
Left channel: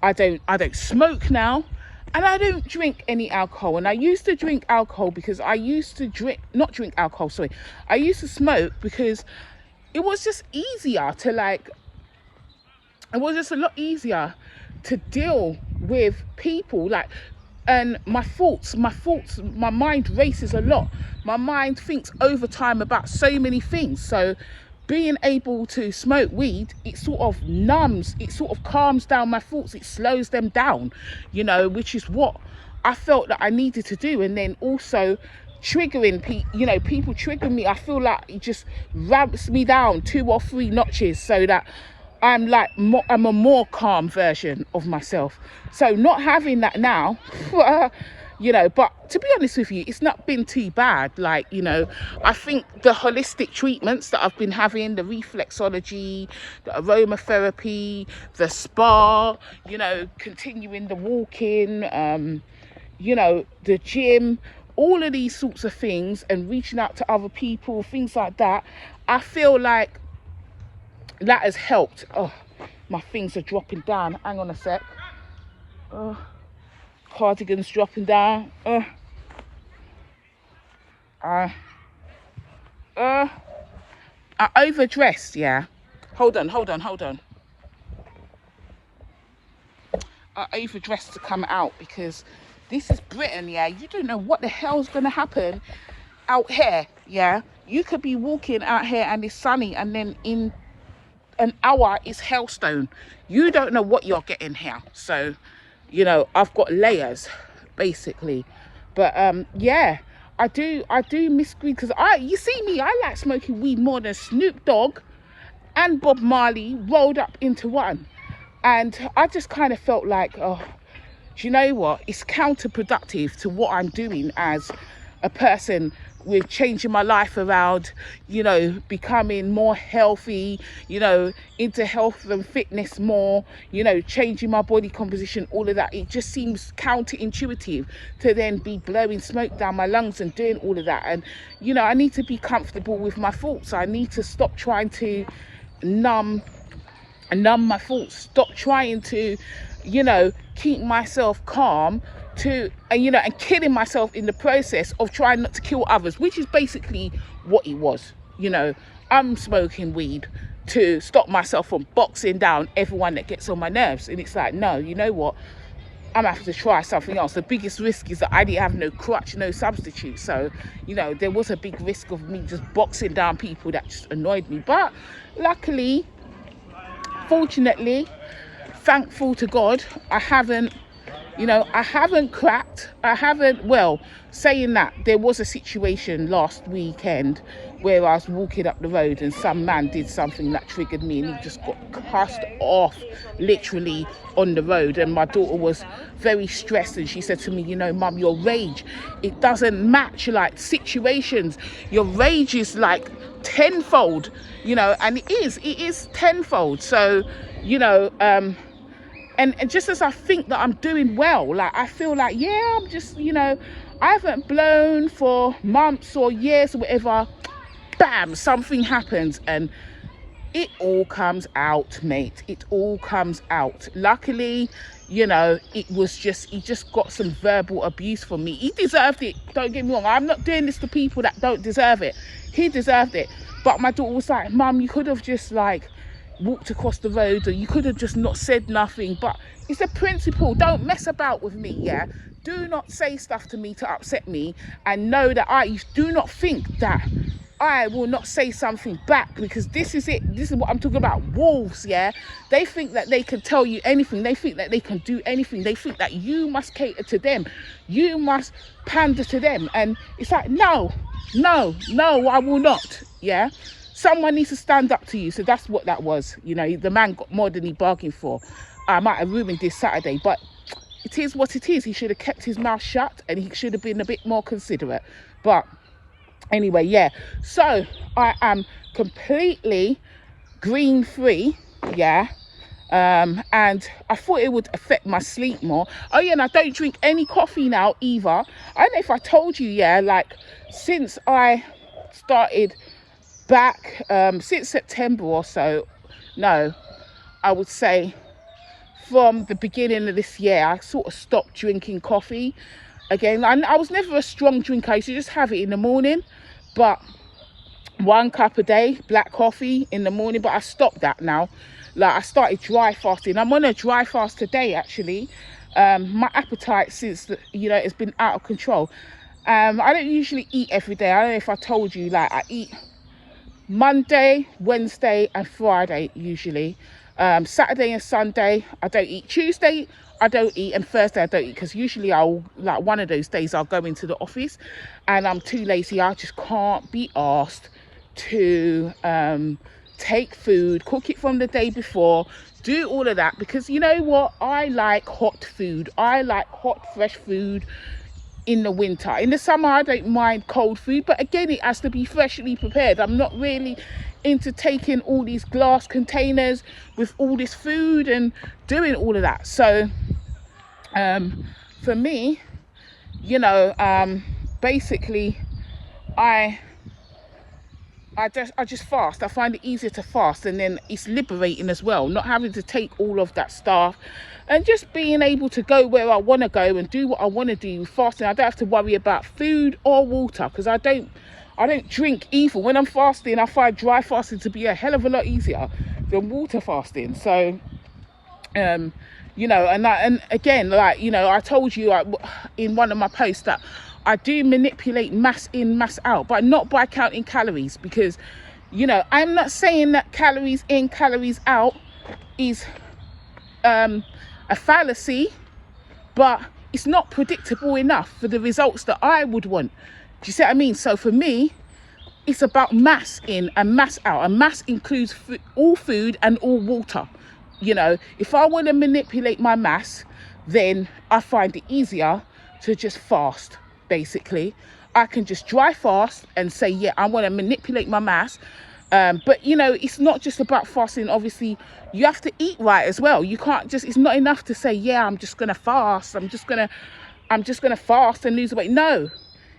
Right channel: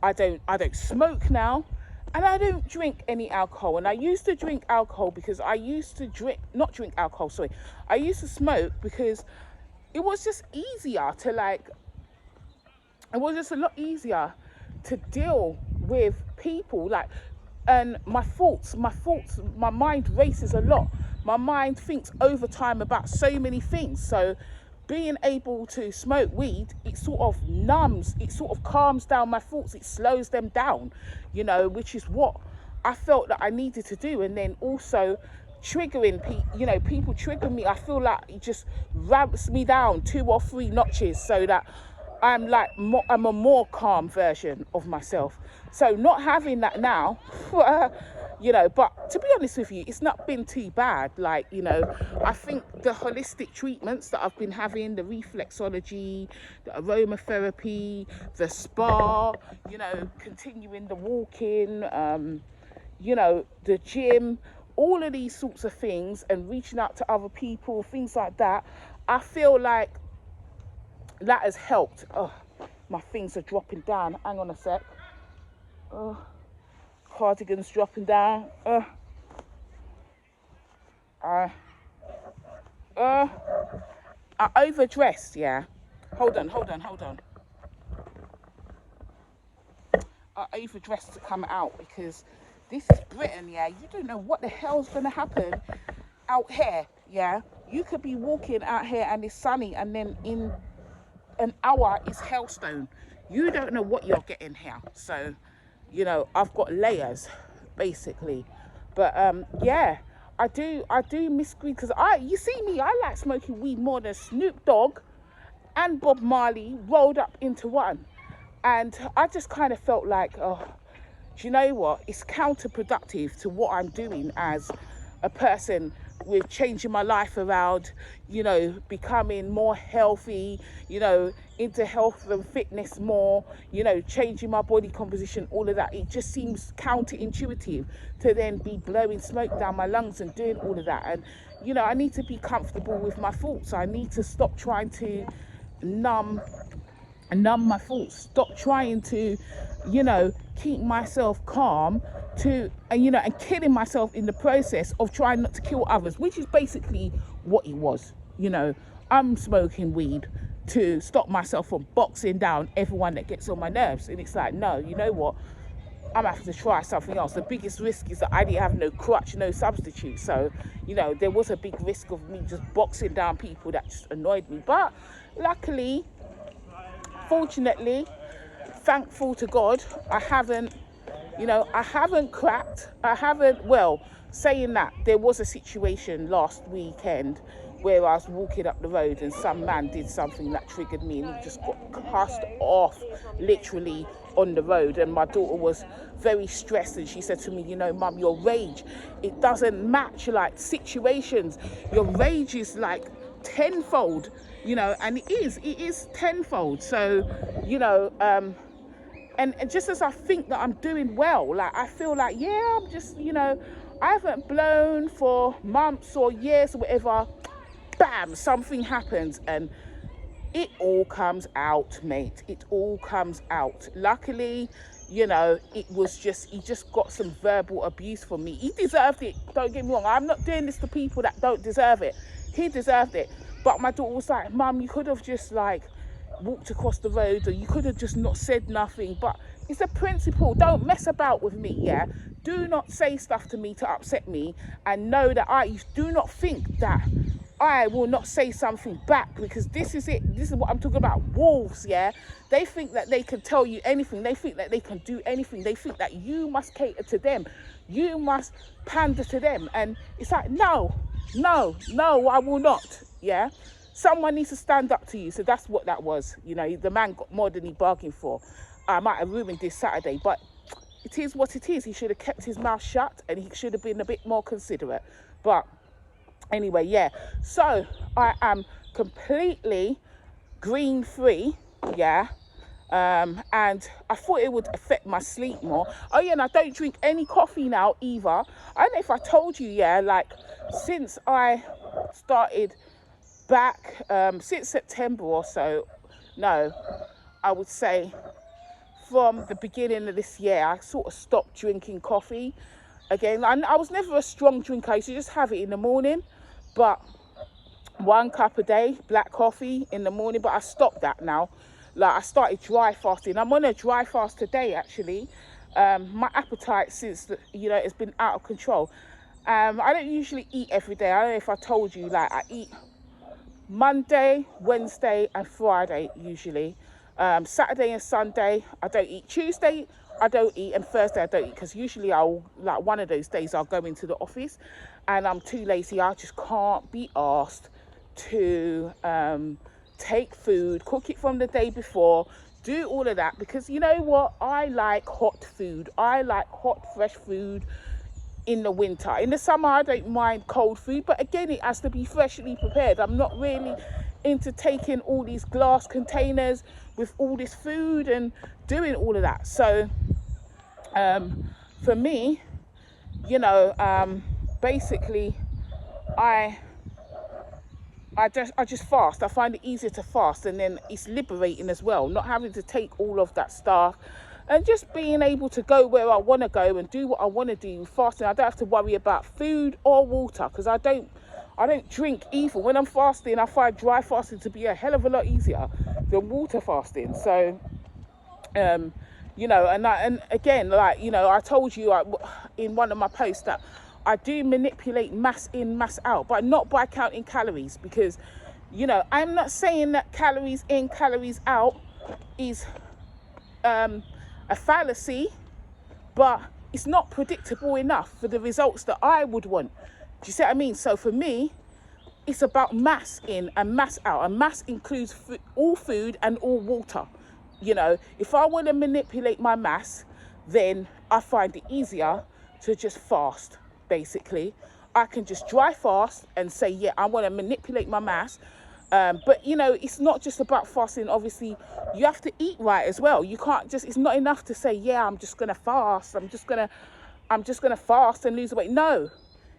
I don't smoke now, and I don't drink any alcohol. And I used to drink alcohol because I used to not drink alcohol, sorry. I used to smoke because it was just easier to it was just a lot easier to deal with people, like, and my mind races a lot. My mind thinks over time about so many things. So being able to smoke weed, it sort of numbs, it sort of calms down my thoughts, it slows them down, you know, which is what I felt that I needed to do. And then also triggering people trigger me. I feel like it just ramps me down 2 or 3 notches, so that I'm a more calm version of myself. So not having that now, you know, but to be honest with you, it's not been too bad. Like, you know, I think the holistic treatments that I've been having, the reflexology, the aromatherapy, the spa, you know, continuing the walking, you know, the gym, all of these sorts of things, and reaching out to other people, things like that, I feel like that has helped. Oh, my things are dropping down. Hang on a sec. Oh, cardigan's dropping down. I overdressed, yeah. Hold on. I overdressed to come out because this is Britain, yeah. You don't know what the hell's gonna happen out here, yeah. You could be walking out here and it's sunny, and then in an hour is hailstone. You don't know what you're getting here. So, you know, I've got layers basically. But yeah, I do miss weed, because you see me, I like smoking weed more than Snoop Dogg and Bob Marley rolled up into one. And I just kind of felt like, oh, do you know what, it's counterproductive to what I'm doing as a person, with changing my life around, you know, becoming more healthy, you know, into health and fitness more, you know, changing my body composition, all of that. It just seems counterintuitive to then be blowing smoke down my lungs and doing all of that. And, you know, I need to be comfortable with my thoughts. I need to stop trying to numb my thoughts, stop trying to, you know, keep myself calm, and killing myself in the process of trying not to kill others, which is basically what it was. You know, I'm smoking weed to stop myself from boxing down everyone that gets on my nerves. And it's like, no, you know what, I'm gonna have to try something else. The biggest risk is that I didn't have no crutch, no substitute. So, you know, there was a big risk of me just boxing down people that just annoyed me. But luckily, fortunately, thankful to God, I haven't cracked. Well, saying that, there was a situation last weekend where I was walking up the road and some man did something that triggered me, and he just got cussed off literally on the road. And my daughter was very stressed, and she said to me, you know, Mum, your rage, it doesn't match like situations. Your rage is like tenfold, you know, and it is tenfold. So, you know, and just as I think that I'm doing well, like I feel like, yeah, I'm just, you know, I haven't blown for months or years or whatever, bam, something happens and it all comes out, mate. It all comes out. Luckily, you know, he just got some verbal abuse from me. He deserved it, don't get me wrong. I'm not doing this to people that don't deserve it. He deserved it. But my daughter was like, Mum, you could have just like, walked across the road, or you could have just not said nothing. But it's a principle. Don't mess about with me, yeah? Do not say stuff to me to upset me, and know that I do not think that I will not say something back, because this is it. This is what I'm talking about. Wolves, yeah? They think that they can tell you anything. They think that they can do anything. They think that you must cater to them. You must pander to them. And it's like, no, I will not, yeah? Someone needs to stand up to you. So that's what that was. You know, the man got more than he bargained for. I might have ruined this Saturday, but it is what it is. He should have kept his mouth shut, and he should have been a bit more considerate. But anyway, yeah, so I am completely green free, yeah, and I thought it would affect my sleep more. Oh yeah, and I don't drink any coffee now either. I don't know if I told you, yeah, like since I started back, since September or so, no, I would say from the beginning of this year, I sort of stopped drinking coffee again. I was never a strong drinker. I used to just have it in the morning, but 1 cup a day, black coffee in the morning. But I stopped that now. Like, I started dry fasting. I'm on a dry fast today, actually. My appetite, since you know, it's been out of control. I don't usually eat every day. I don't know if I told you, like, I eat Monday, Wednesday and Friday usually. Saturday and Sunday I don't eat. Tuesday I don't eat, and Thursday I don't eat, because usually I'll, like, one of those days I'll go into the office and I'm too lazy. I just can't be asked to take food, cook it from the day before, do all of that, because you know what, I like hot food. I like hot fresh food in the winter. In the summer I don't mind cold food, but again, it has to be freshly prepared. I'm not really into taking all these glass containers with all this food and doing all of that. So for me, you know, basically I just fast. I find it easier to fast, and then it's liberating as well, not having to take all of that stuff, and just being able to go where I want to go and do what I want to do fasting. I don't have to worry about food or water, because I don't drink either. When I'm fasting, I find dry fasting to be a hell of a lot easier than water fasting. So you know, and again, like, you know, I told you in one of my posts that I do manipulate mass in, mass out, but not by counting calories, because, you know, I'm not saying that calories in, calories out is a fallacy, but it's not predictable enough for the results that I would want. Do you see what I mean? So for me, it's about mass in and mass out, and mass includes all food and all water. You know, if I want to manipulate my mass, then I find it easier to just fast. Basically, I can just dry fast and say, yeah, I want to manipulate my mass. But you know, it's not just about fasting. Obviously, you have to eat right as well. You can't just, it's not enough to say, yeah, I'm just gonna fast, I'm just gonna fast and lose weight. No,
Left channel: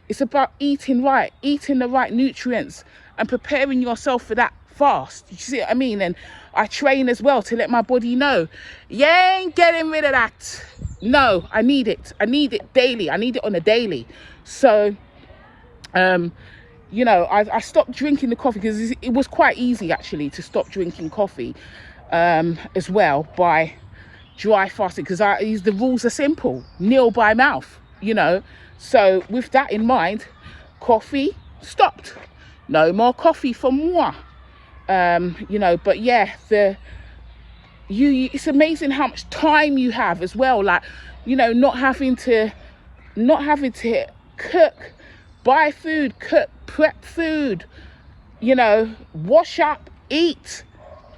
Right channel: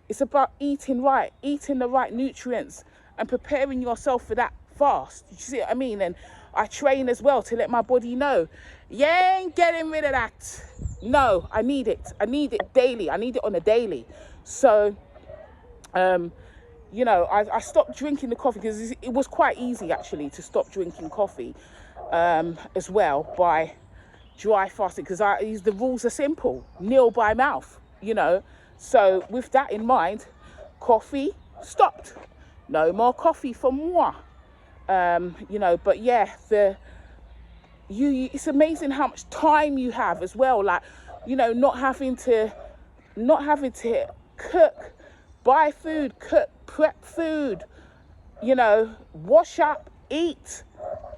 it's about eating right, eating the right nutrients, and preparing yourself for that fast. You see what I mean? And I train as well to let my body know, you ain't getting rid of that. No, I need it daily. I need it on a daily. So you know, I stopped drinking the coffee, because it was quite easy actually to stop drinking coffee as well by dry fasting, because the rules are simple: nil by mouth, you know. So with that in mind, coffee stopped. No more coffee for moi. You know, but yeah, it's amazing how much time you have as well. Like, you know, not having to cook, buy food, cook, prep food, you know, wash up, eat,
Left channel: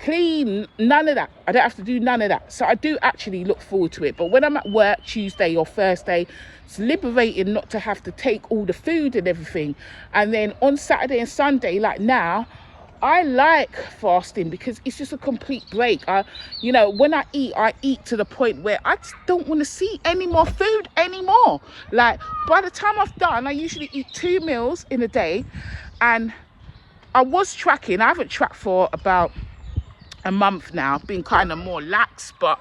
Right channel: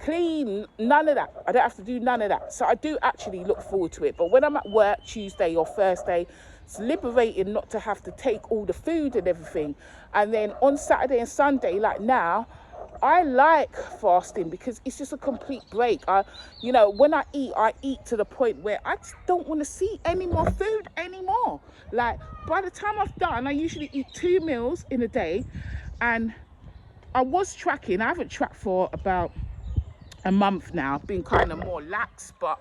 clean, none of that. I don't have to do none of that. So I do actually look forward to it. But when I'm at work Tuesday or Thursday, it's liberating not to have to take all the food and everything. And then on Saturday and Sunday, like now, I like fasting because it's just a complete break. You know, when I eat to the point where I just don't want to see any more food anymore. Like, by the time I've done, I usually eat 2 meals in a day. And I was tracking. I haven't tracked for about a month now. I've been kind of more lax, but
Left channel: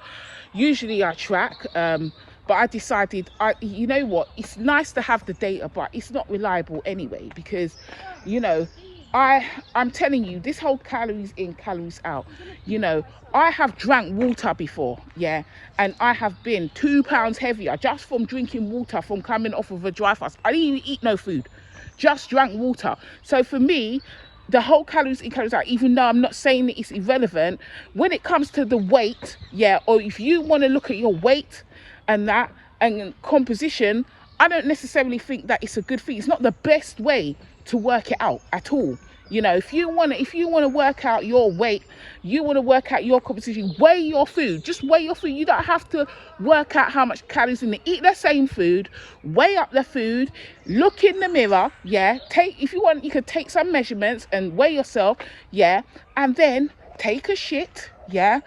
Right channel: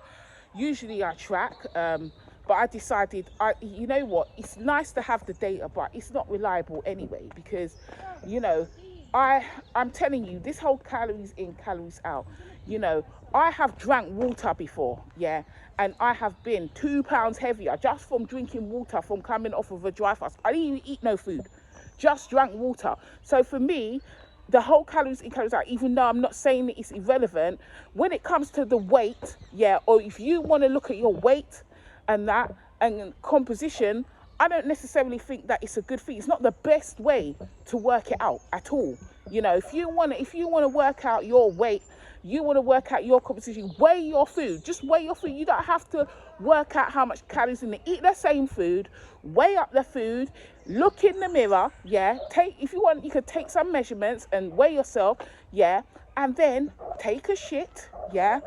usually I track. But I decided, you know what, it's nice to have the data, but it's not reliable anyway, because, you know, I'm telling you, this whole calories in, calories out, you know, I have drank water before, yeah, and I have been 2 pounds heavier just from drinking water, from coming off of a dry fast. I didn't even eat no food, just drank water. So for me, the whole calories in, calories out, even though I'm not saying that it's irrelevant, when it comes to the weight, yeah, or if you want to look at your weight and that and composition, I don't necessarily think that it's a good thing. It's not the best way to work it out at all. You know, if you want to work out your weight, you want to work out your composition, weigh your food. Just weigh your food. You don't have to work out how much calories in it. Eat the same food, weigh up the food, look in the mirror, yeah. If you want, you could take some measurements and weigh yourself, yeah, and then take a shit, yeah.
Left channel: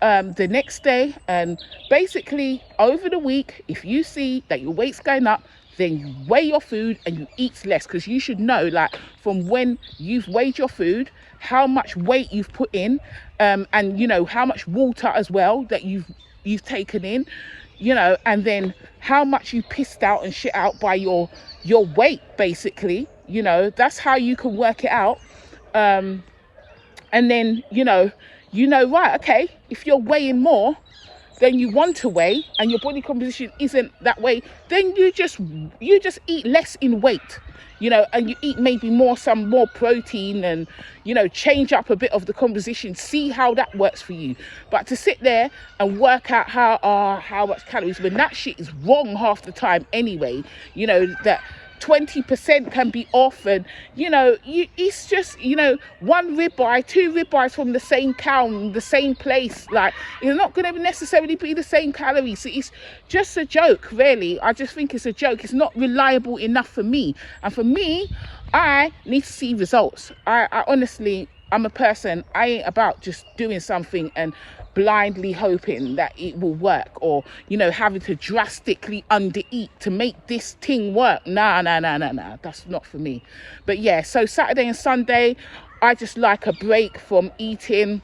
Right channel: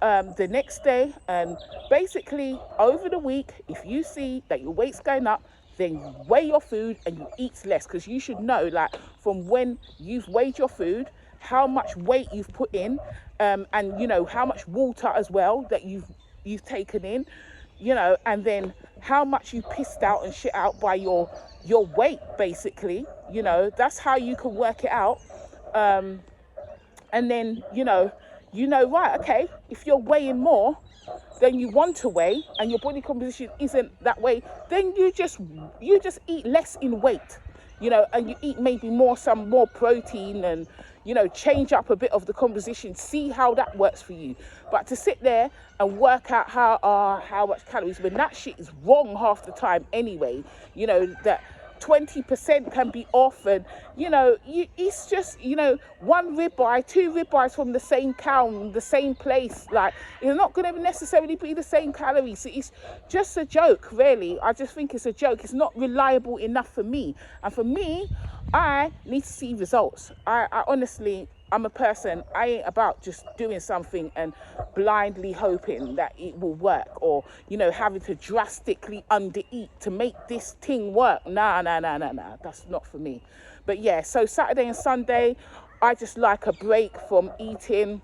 The next day, and basically over the week, if you see that your weight's going up, then you weigh your food and you eat less, because you should know, like, from when you've weighed your food, how much weight you've put in, and you know how much water as well that you've taken in, you know, and then how much you pissed out and shit out by your weight, basically. You know, that's how you can work it out. And then you know, right, okay, if you're weighing more than you want to weigh and your body composition isn't that way, then you just eat less in weight, you know, and you eat maybe some more protein, and you know, change up a bit of the composition, see how that works for you. But to sit there and work out how much calories, when that shit is wrong half the time anyway, you know, that 20% can be off, and you know, it's just, you know, 1 ribeye, 2 ribeyes from the same cow, the same place, like, it's not going to necessarily be the same calories. So it's just a joke, really. I just think it's a joke. It's not reliable enough for me, and for me, I need to see results. I honestly, I'm a person, I ain't about just doing something and blindly hoping that it will work, or, you know, having to drastically undereat to make this thing work. Nah, that's not for me. But yeah, so Saturday and Sunday, I just like a break from eating.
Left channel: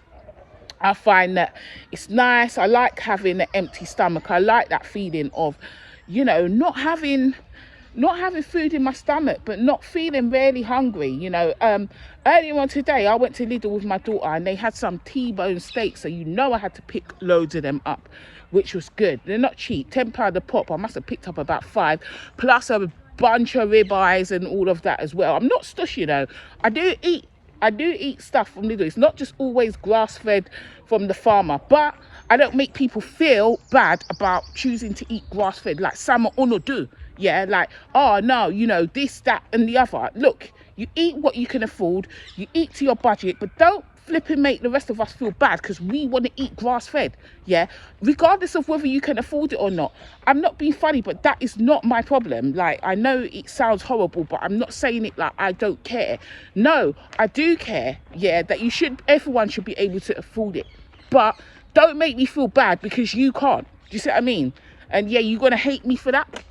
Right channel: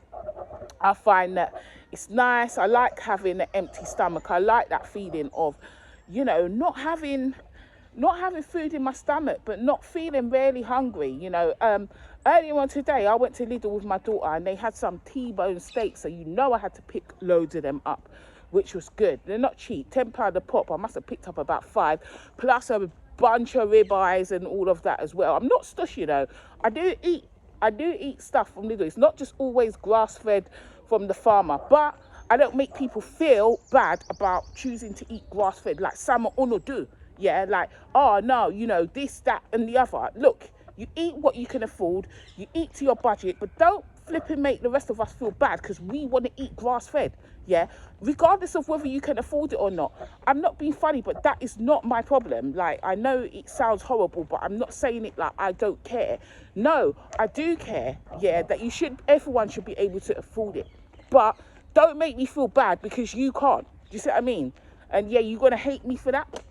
I find that it's nice. I like having an empty stomach. I like that feeling of, you know, not having food in my stomach, but not feeling really hungry, you know. Earlier on today, I went to Lidl with my daughter, and they had some T-bone steaks, so you know I had to pick loads of them up, which was good. They're not cheap, £10 a pop. I must have picked up about 5, plus a bunch of ribeyes and all of that as well. I'm not stush, you know. I do eat stuff from Lidl. It's not just always grass-fed from the farmer, but I don't make people feel bad about choosing to eat grass-fed, like some do. Yeah, like, oh no, you know, this, that and the other. Look, you eat what you can afford, you eat to your budget, but don't flip and make the rest of us feel bad because we want to eat grass-fed, yeah, regardless of whether you can afford it or not. I'm not being funny, but that is not my problem. Like, I know it sounds horrible, but I'm not saying it like I don't care. No, I do care, yeah, that everyone should be able to afford it, but don't make me feel bad because you can't. Do you see what I mean? And yeah, you're gonna hate me for that?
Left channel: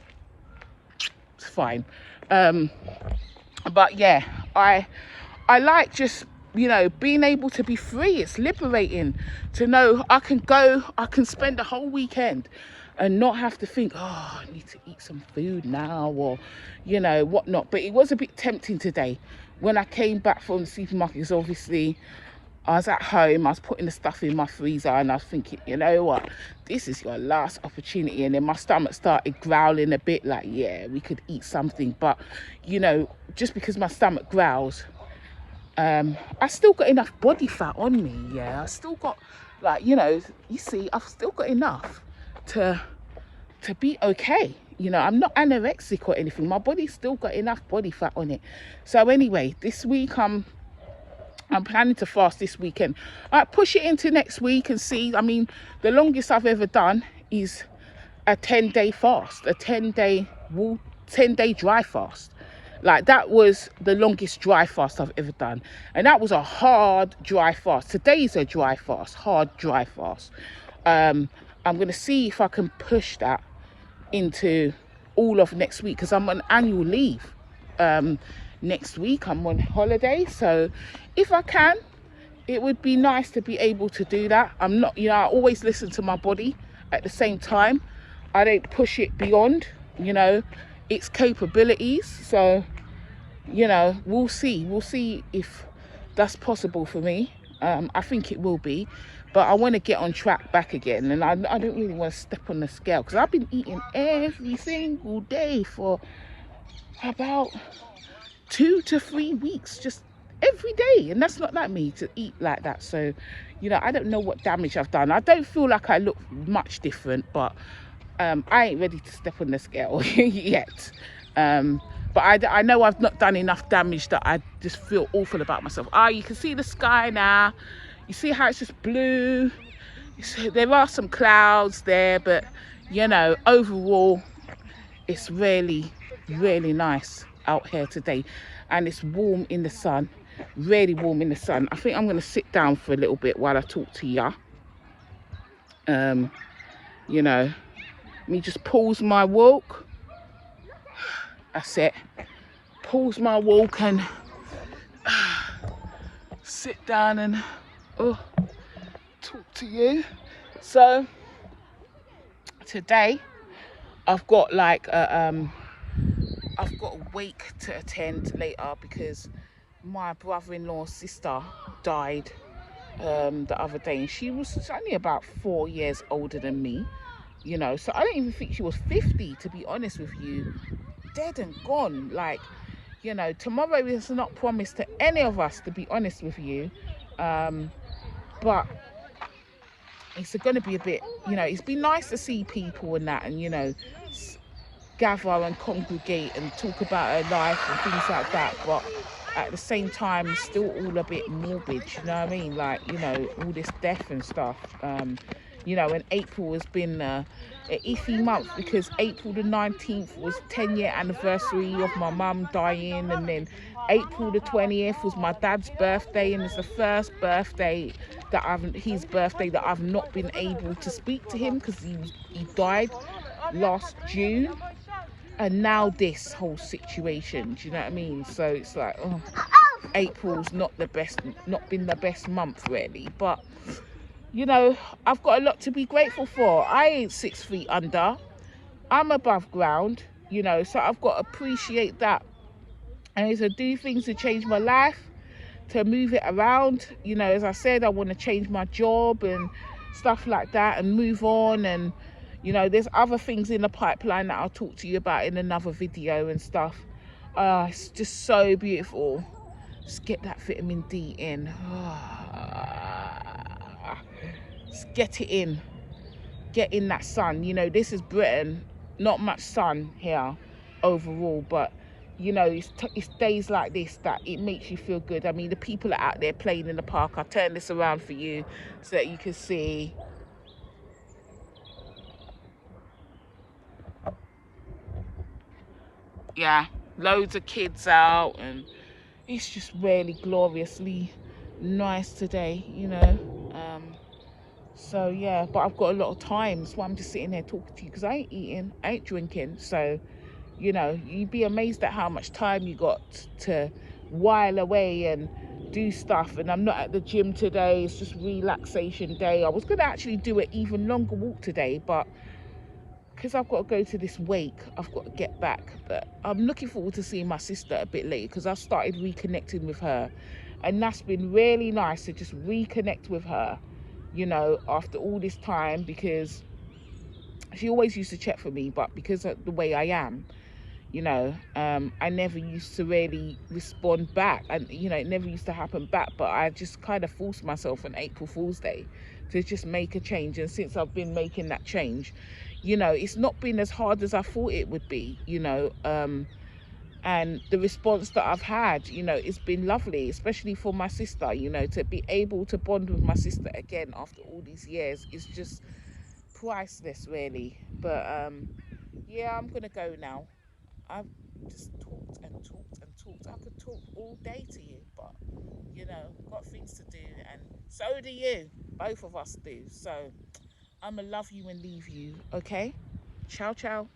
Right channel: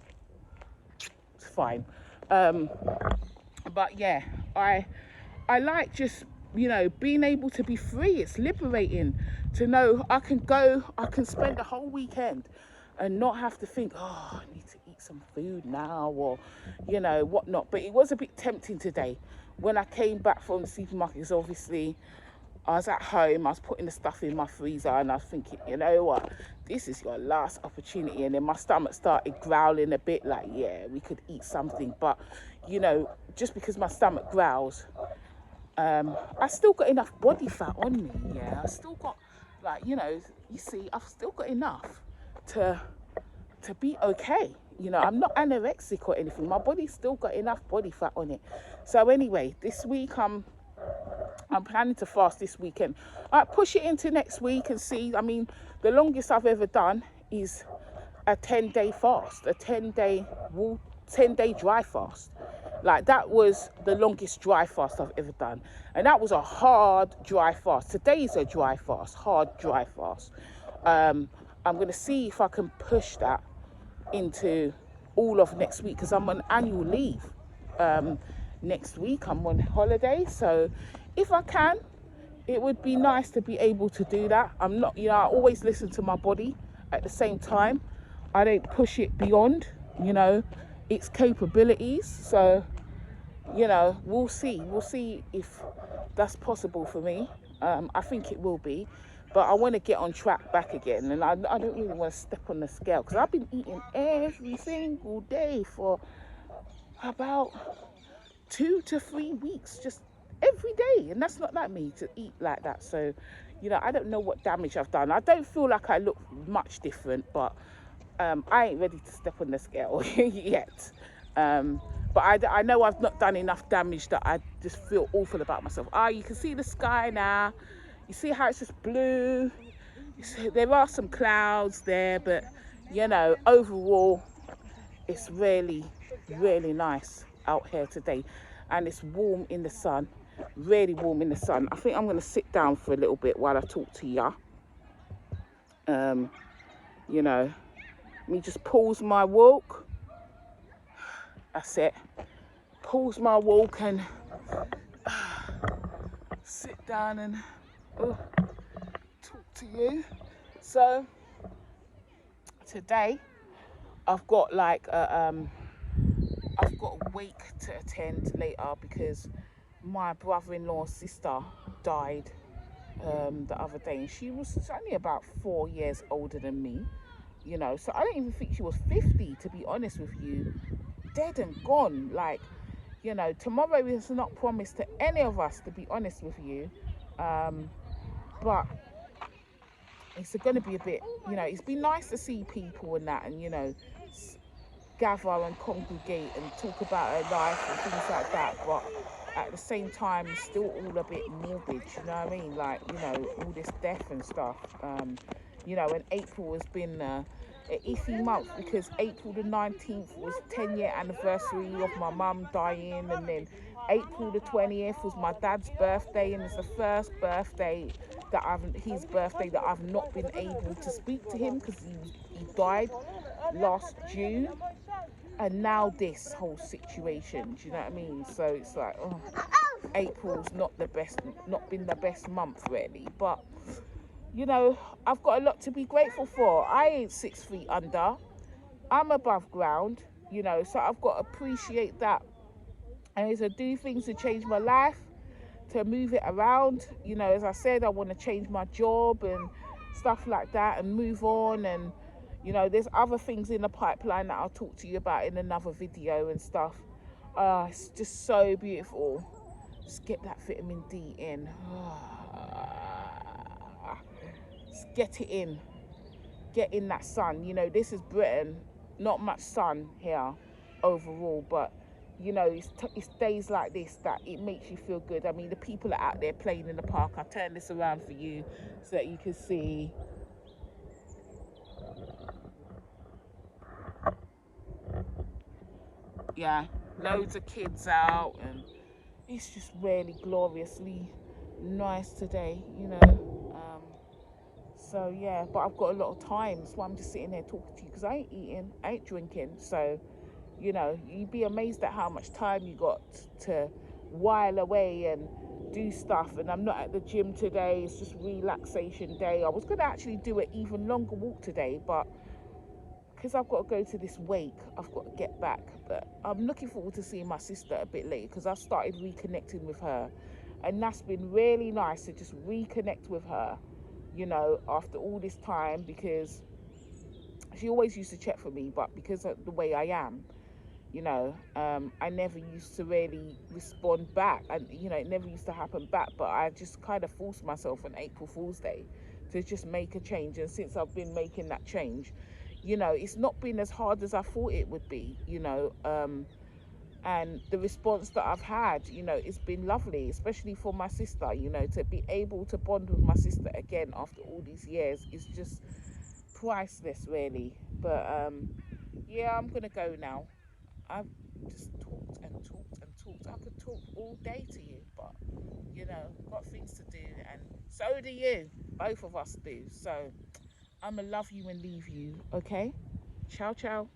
It's fine. But yeah, I like just, you know, being able to be free. It's liberating to know I can spend a whole weekend and not have to think, oh, I need to eat some food now, or, you know, whatnot. But it was a bit tempting today when I came back from the supermarket, because obviously I was at home, I was putting the stuff in my freezer, and I was thinking, you know what, this is your last opportunity. And then my stomach started growling a bit, like, yeah, we could eat something. But, you know, just because my stomach growls, I still got enough body fat on me, yeah. I still got, like, you know, you see, I've still got enough to be okay. You know, I'm not anorexic or anything. My body's still got enough body fat on it. So anyway, this week I'm planning to fast this weekend. I might push it into next week and see. I mean, the longest I've ever done is a 10-day fast, a 10-day dry fast. Like, that was the longest dry fast I've ever done, and that was a hard dry fast. Today's a dry fast, hard dry fast. I'm gonna see if I can push that into all of next week, because I'm on annual leave. Next week I'm on holiday, so if I can, it would be nice to be able to do that. I'm not, you know, I always listen to my body. At the same time, I don't push it beyond, you know, its capabilities. So you know, we'll see. We'll see if that's possible for me. I think it will be, but I want to get on track back again, and I don't really want to step on the scale because I've been eating every single day for about 2 to 3 weeks, just every day, and that's not like me to eat like that. So, you know, I don't know what damage I've done. I don't feel like I look much different, but I ain't ready to step on the scale yet. But I know I've not done enough damage that I just feel awful about myself. You can see the sky now. You see how it's just blue. There are some clouds there, but you know, overall, it's really, really nice out here today. And it's warm in the sun, really warm in the sun. I think I'm going to sit down for a little bit while I talk to ya. You know, let me just pause my walk. That's it. Pause my walk and sit down and talk to you. So today I've got like I've got a wake to attend later because my brother-in-law's sister died the other day, and she was only about 4 years older than me, you know, so I don't even think she was 50, to be honest with you. Dead and gone. Like, you know, tomorrow is not promised to any of us, to be honest with you. But it's going to be a bit, you know, it's been nice to see people and that, and, you know, gather and congregate and talk about her life and things like that. But at the same time, it's still all a bit morbid, you know what I mean? Like, you know, all this death and stuff. You know, and April has been an iffy month because April the 19th was 10-year anniversary of my mum dying, and then April the 20th was my dad's birthday, and it's the first birthday that his birthday that I've not been able to speak to him because he died last June. And now this whole situation, do you know what I mean? So it's like, oh, April's not been the best month really, but you know, I've got a lot to be grateful for. I ain't 6 feet under. I'm above ground, you know, so I've got to appreciate that. And to do things to change my life, to move it around. You know, as I said, I want to change my job and stuff like that and move on. And, you know, there's other things in the pipeline that I'll talk to you about in another video and stuff. It's just so beautiful. Just get that vitamin D in. Just get it in. Get in that sun. You know, this is Britain. Not much sun here overall, but you know, it's days like this that it makes you feel good. I mean, the people are out there playing in the park. I'll turn this around for you so that you can see. Yeah, loads of kids out, and it's just really gloriously nice today, you know. So yeah, but I've got a lot of time, so I'm just sitting there talking to you because I ain't eating, I ain't drinking. So, you know, you'd be amazed at how much time you got to while away and do stuff. And I'm not at the gym today. It's just relaxation day. I was going to actually do an even longer walk today, but because I've got to go to this wake, I've got to get back. But I'm looking forward to seeing my sister a bit later because I started reconnecting with her. And that's been really nice to just reconnect with her, you know, after all this time, because she always used to check for me, but because of the way I am, you know, I never used to really respond back, and you know, it never used to happen back. But I just kind of forced myself on April Fool's Day to just make a change, and since I've been making that change, you know, it's not been as hard as I thought it would be, you know. And the response that I've had, you know, it's been lovely, especially for my sister, you know, to be able to bond with my sister again after all these years is just priceless, really. But yeah, I'm gonna go now. I've just talked and talked and talked. I could talk all day to you, but you know, got things to do, and so do you. Both of us do. So I'ma love you and leave you, okay? Ciao, ciao.